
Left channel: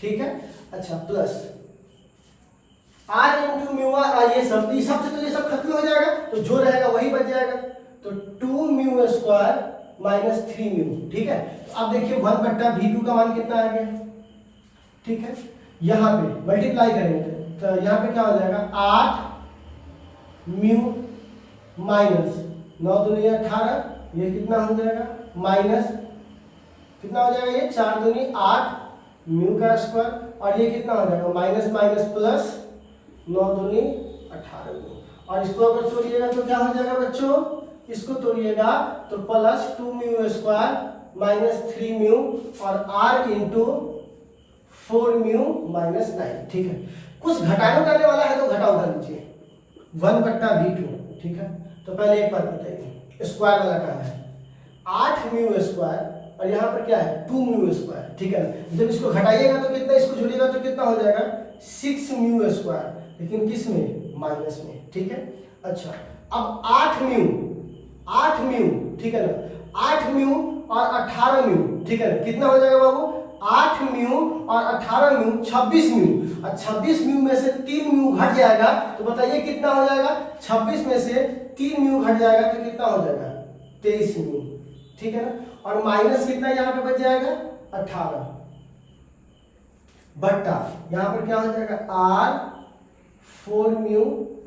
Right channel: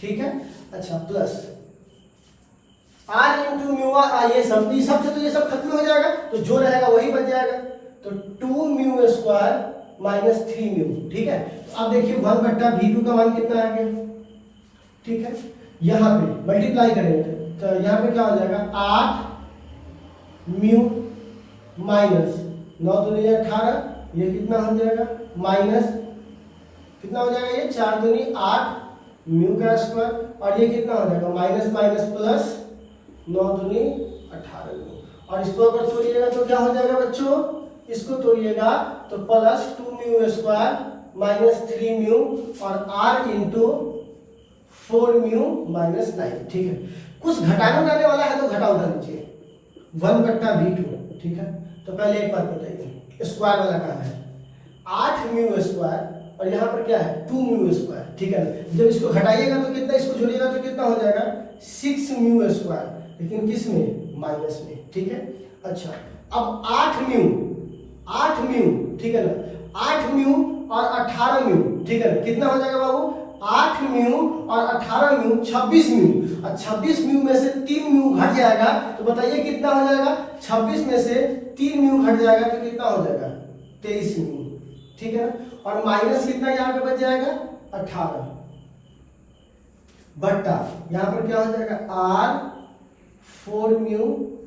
ठीक है। अच्छा प्लस r इंटू म्यू ये सब से तो ये सब खत्म हो जाएगा, तो जो रहेगा वही बच जाएगा, तो 2 म्यू स्क्वायर माइनस 3 म्यू, ठीक है। तो अब देखिए 1 बट्टा v2 का मान कितना आ गया, ठीक है। यहाँ पे मल्टीप्लाई करेंगे तो यहाँ पे क्या हो जाएगा 8 म्यू माइनस 9 दूनी 18, ये कितना हो जाएगा माइनस कितना हो जाएगा, ये 4 दूनी 8 म्यू का स्क्वायर, और ये कितना हो जाएगा माइनस माइनस प्लस 9 दूनी 18 म्यू। और इसको अगर तोड़िएगा तो क्या हो जाएगा बच्चों, इसको तोड़िएगा तो plus 2 mu square minus 3 mu और r इंटू 4 म्यू माइनस 9, ठीक है। कुछ घटाने उठाने वाला है तो घटा उठा लीजिए, 1 बट्टा v2, ठीक है। तो पहले एक बात बताइए, स्क्वायर वाला कहाँ है, 8 म्यू स्क्वायर और यहाँ पर क्या है 2 म्यू स्क्वायर, ठीक है ना। जब इसको घटाइएगा तो कितना, इसको जोड़िएगा तो कितना हो जाएगा 6 म्यू स्क्वायर, लेकिन किस में, माइनस में, ठीक है। अच्छा अब 8 म्यू, ठीक है ना, 8 म्यू और 18 म्यू, ठीक है ना, कितना हो जाएगा बाबू 8 म्यू और 18 म्यू 26 म्यू, और 26 म्यू में से 3 म्यू घट जाएगा, तो बताइए कितना हो जाएगा, 26 में से 3 म्यू घट जाएगा तो कितना हो जाएगा 23 म्यू, ठीक है ना। और माइनस कितना यहाँ पे बच जाएगा 18 बट्टा यहाँ पर क्या हो जाएगा r 4 म्यू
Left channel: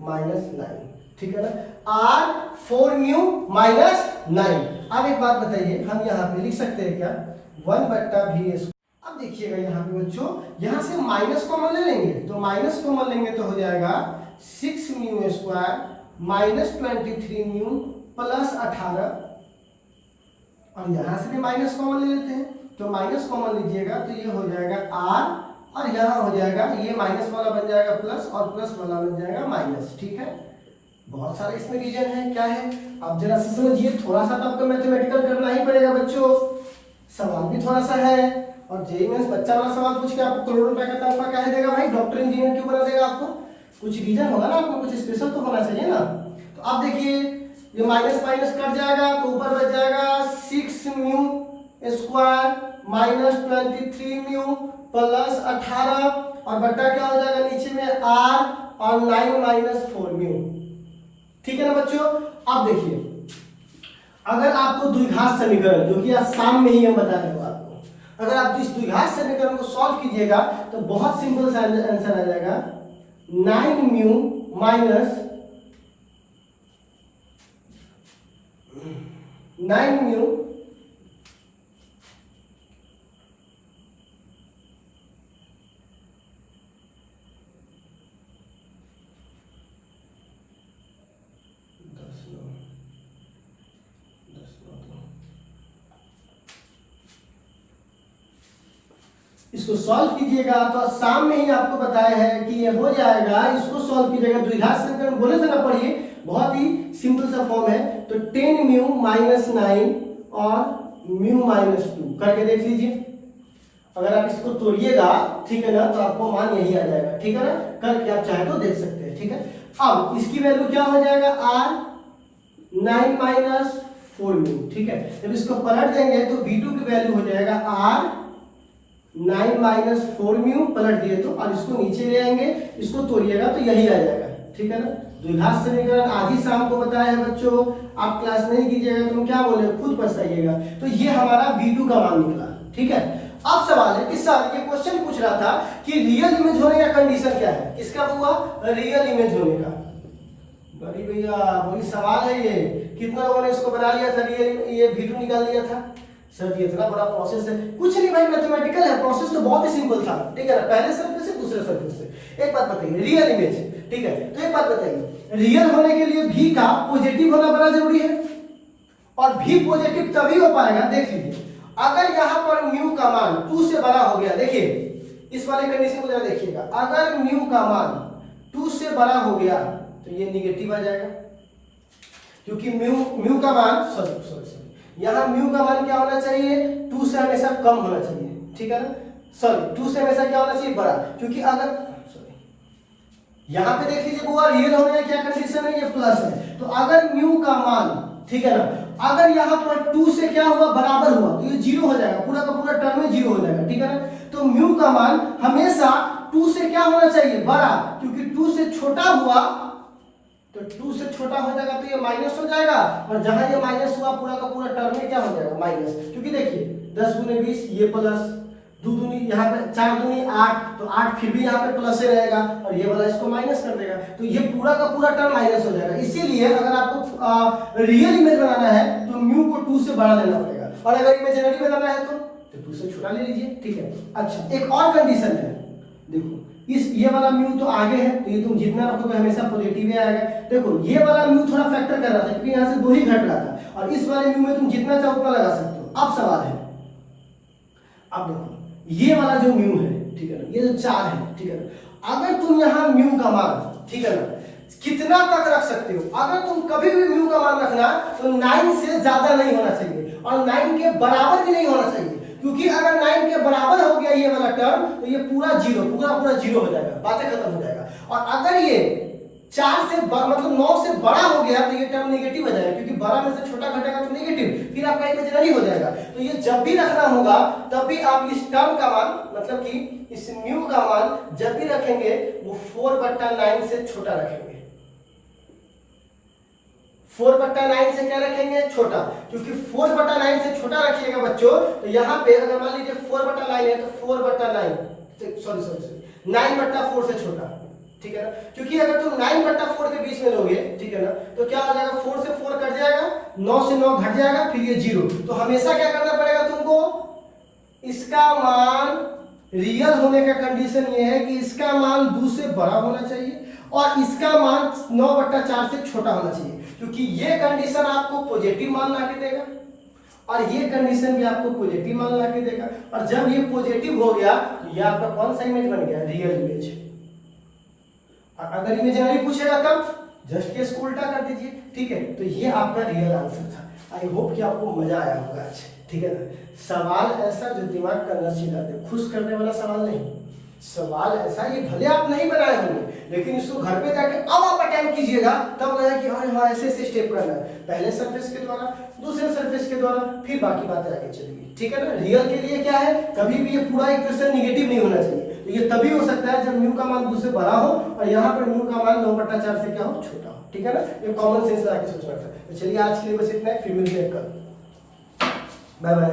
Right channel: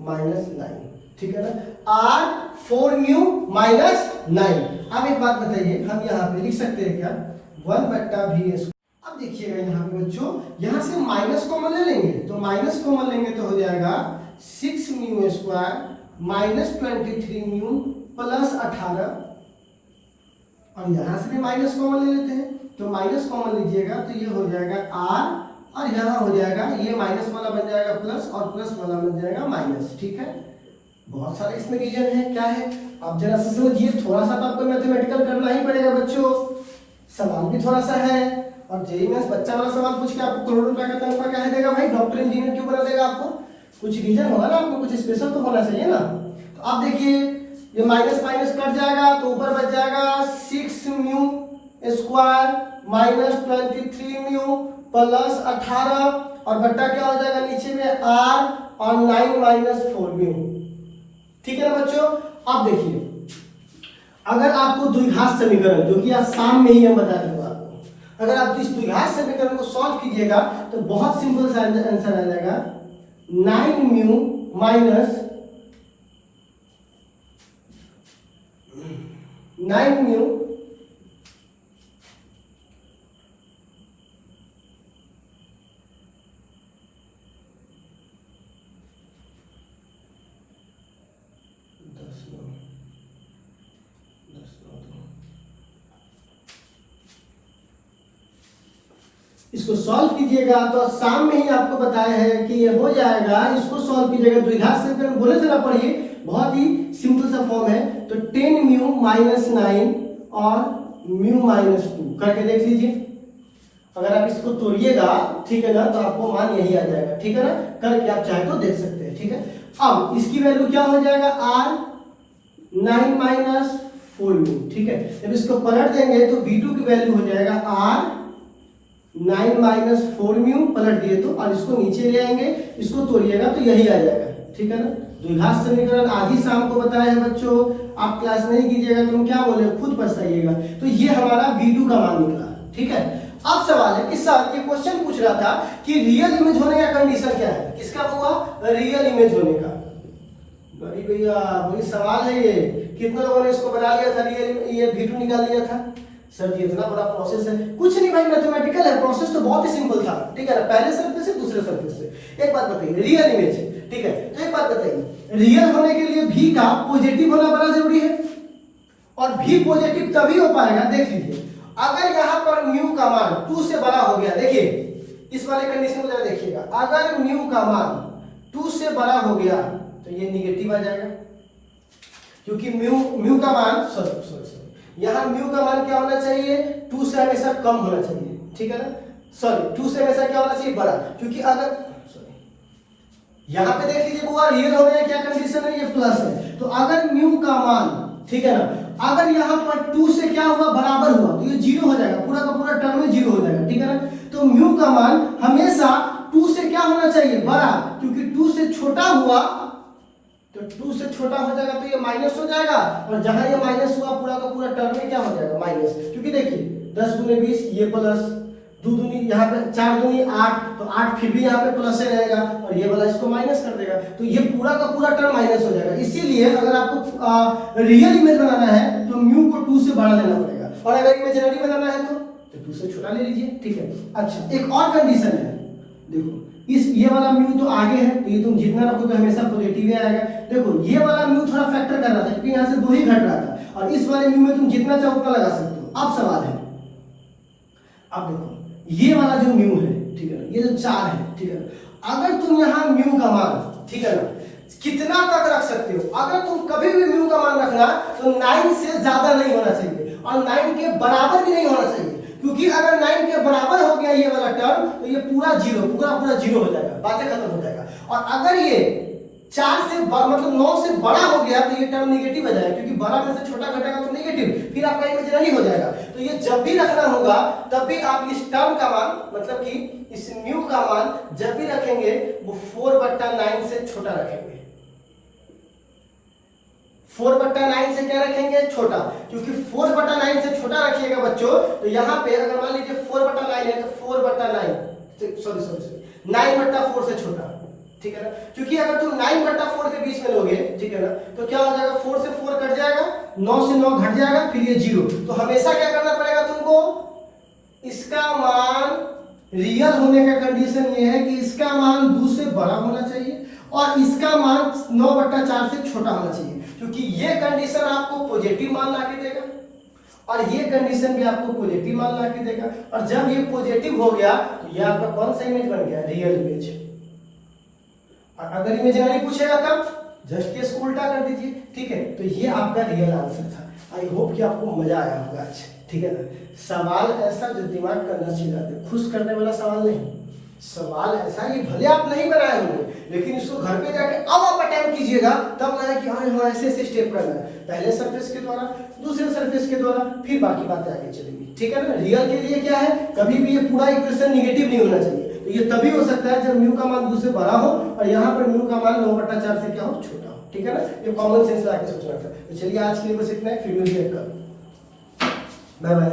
माइनस 9, ठीक है ना, r 4 म्यू माइनस 9। अब एक बात बताइए, हम यहाँ पे लिख सकते हैं क्या 1 बट्टा v। अब देखिएगा यहाँ पे बच्चों, यहाँ से माइनस कॉमन ले लेंगे, तो माइनस कॉमन लेंगे तो हो जाएगा 6 mu square minus 23 mu plus 18, और यहाँ से भी माइनस कॉमन ले लेते हैं, तो माइनस कॉमन लीजिएगा तो ये हो जाएगा r, और यहाँ हो जाएगा ये माइनस वाला बन जाएगा प्लस, और प्लस वाला बन जाएगा माइनस, ठीक है। बहुत सारे इसमें रीजन है, क्या है आप जरा सा समझिए, थोड़ा सा तो आपको मैथमेटिकल करना ही पड़ेगा बच्चों, सवाल भी थोड़ा सा है, और जेईई मेंस बच्चा वाला सवाल पूछ के आपको करोड़ों रुपए का तनख्वाह कह देगा भाई, डॉक्टर इंजीनियर क्यों बना देगा आपको, कुछ रीजन होगा ना, आपको कुछ स्पेशल तो होना चाहिए ना। तो आप देखिए ये माइनस माइनस कट जाएगा तो ऊपर बच जाएगा 6 mu square minus 23 mu plus 18, और बट्टा क्या हो जाएगा नीचे में r और 9 माइनस 4 म्यू, ठीक है ना बच्चों। अब देखिए अगर आपको द्विघात समीकरण, जो कि आज शाम में ही हम बता देंगे आपको, अगर आप इस द्विघात समीकरण को सॉल्व कीजिएगा तो बहुत सिंपल सा आंसर आ जाएगा 9 म्यू माइनस 9 म्यू इसको सॉल्व कीजिएगा तो शाम में ही आपको बताया है कि ये हो जाएगा। इसको सॉल्व कीजिएगा द्विघात समीकरण बोले से ना पढ़िए, बहुत ही सिंपल सा फॉर्म है। तो 10 म्यू माइनस 9 और म्यू माइनस 2 करके देख लीजिए। अगर आप इसको तोड़िएगा ठीक है ना तो आपको मान यही आ जाएगा, ठीक है ना, करके आप चाहे तो देख सकते हैं, ठीक है। अब इसकी वैल्यू क्या हो जाएगा r 9 माइनस 4 म्यू, ठीक है। जब इसको पलट देंगे तो v2 की वैल्यू हो जाएगा r 9 माइनस 4 म्यू, पलट दिए तो, और इसको नीचे ले आएंगे, इसको तोड़िएगा तो यही आ जाएगा, ठीक है ना। द्विघात समीकरण आज ही शाम को बताया है बच्चों, आप क्लास नहीं कीजिएगा तो क्या बोले, खुद पछताइएगा। तो ये हमारा v2 का मान निकला, ठीक है। अब सवाल है कि सर ये क्वेश्चन पूछ रहा था कि रियल इमेज होने का कंडीशन क्या है, किसका हुआ, रियल इमेज होने का। बड़ी भैया बड़ी सवाल है ये, कितना लोगों ने इसको बना लिया था, ये v2 निकाल लिया था। सर ये इतना बड़ा प्रोसेस है, कुछ नहीं भाई, मैथमेटिकल है, प्रोसेस तो बहुत ही सिंपल था, ठीक है ना। पहले सरफेस से दूसरे सरफेस से। एक बात बताइए, रियल इमेज, ठीक है, तो एक बात बताइए, रियल होने के लिए v का पॉजिटिव होना बड़ा जरूरी है, और v पॉजिटिव तभी हो पाएगा, देख लीजिए, अगर यहाँ पर म्यू का मान 2 से बड़ा हो गया, देखिए इस वाले कंडीशन को जरा देखिएगा, अगर म्यू का मान 2 से बड़ा हो गया तो ये निगेटिव आ जाएगा, क्योंकि म्यू का मान सॉरी यहाँ म्यू का मान क्या होना चाहिए, 2 से हमेशा कम होना चाहिए, ठीक है ना, सॉरी 2 से हमेशा क्या होना चाहिए, बड़ा, क्योंकि अगर यहाँ पे देख लीजिए वो रियल हो गया, क्या कंडीशन है, ये प्लस है, तो अगर म्यू का मान, ठीक है ना, अगर यहाँ पर 2 से क्या हुआ, बराबर हुआ, तो ये 0 हो जाएगा, पूरा का पूरा टर्म में 0 हो जाएगा, ठीक है ना। तो म्यू का मान हमेशा 2 से क्या होना चाहिए, बड़ा, क्योंकि 2 से छोटा हुआ तो 2 से छोटा हो जाएगा तो ये माइनस हो जाएगा, और जहां ये माइनस हुआ पूरा का पूरा टर्म में क्या हो जाएगा, माइनस, क्योंकि देखिए 10 गुने 20 ये प्लस, 2 दूनी यहाँ पे 4 दूनी 8, तो 8 फिर भी यहाँ पे प्लस ही रहेगा, और ये वाला इसको माइनस कर देगा, तो ये पूरा का पूरा टर्म माइनस हो जाएगा। इसीलिए अगर आपको रियल इमेज बनाना है तो म्यू को 2 से बड़ा लेना पड़ेगा, और अगर इमेजिनरी बनाना है तो 2 से छोटा ले लीजिए, ठीक है। अच्छा एक और कंडीशन है, देखो इस ये वाला म्यू तो आगे है, तो ये तुम जितना रखोगे हमेशा पॉजिटिव ही आएगा। देखो ये वाला म्यू थोड़ा फैक्टर कर रहा था, क्योंकि यहाँ से 2 ही घट रहा था, और इस वाले म्यू में तुम जितना चाहो उतना लगा सकते हो। अब सवाल है, अब देखो ये वाला जो म्यू है, ठीक है ना, ये जो 4 है, ठीक है ना, अगर तुम यहाँ म्यू का मान, ठीक है ना, कितना तक रख सकते हो, अगर तुम कभी भी म्यू का मान रखना तो 9 से ज्यादा नहीं होना चाहिए, और 9 के बराबर भी नहीं होना चाहिए, क्योंकि अगर 9 के बराबर हो गया ये वाला टर्म तो ये पूरा 0 हो जाएगा, बातें खत्म हो जाएगा। और अगर ये 4 से मतलब 9 से बड़ा हो गया तो ये टर्म नेगेटिव हो जाएगा, क्योंकि बड़ा में से छोटा घटेगा तो नेगेटिव, फिर आपका इमेजिनरी हो जाएगा। तो ये जब भी रखना होगा तब भी आप इस टर्म का मान, मतलब कि इस म्यू का मान जब भी रखेंगे वो 4/9 से छोटा रखेंगे। 4/9 से क्या रखेंगे, छोटा, क्योंकि 4/9 से छोटा रखिएगा बच्चों, तो यहाँ पे अगर मान लीजिए 4/9 है तो 4/9 सॉरी 9/4 से छोटा, ठीक है ना, क्योंकि अगर तुम 9/4 के बीच में लोगे, ठीक है ना, तो क्या हो जाएगा, 4 से 4 कट जाएगा, 9 से 9 घट जाएगा, फिर ये 0। तो हमेशा क्या करना पड़ेगा तुमको, इसका मान रियल होने का कंडीशन ये है कि इसका मान 2 से बड़ा होना चाहिए, और इसका मान 9/4 से छोटा होना चाहिए, क्योंकि ये कंडीशन आपको पॉजिटिव मान ला के देगा, और ये कंडीशन भी आपको पॉजिटिव मान ला के देगा। और जब ये पॉजिटिव हो गया तो ये आपका कौन सा इमेज बन गया, रियल इमेज। और अगर इमेजिनरी पूछेगा तब जस्ट केस को उल्टा कर दीजिए, ठीक है। तो ये आपका रियल आंसर था। आई होप कि आपको मजा आया होगा आज, ठीक है ना। सवाल ऐसा जो दिमाग का नस हिला दे, खुश करने वाला सवाल नहीं, सवाल ऐसा, ये भले आप नहीं बनाए होंगे लेकिन इसको घर पे जाके अब आप अटेम्प्ट कीजिएगा, तब लगा कि हाँ ऐसे ऐसे स्टेप करना है, पहले सरफेस के द्वारा, दूसरे सरफेस के द्वारा, फिर बाकी बातें आगे चलेगी, ठीक है ना। रियल के लिए क्या है, कभी भी ये पूरा इक्वेशन निगेटिव नहीं होना चाहिए, तो ये तभी हो सकता है जब म्यू का मान 2 से बड़ा हो और यहाँ पर म्यू का मान 9/4 से क्या हो, छोटा हो, ठीक है ना। ये कॉमन सेंस लाके सोचना था। तो चलिए आज के लिए बस इतना है, फिर मिलिए कल, बाय बाय।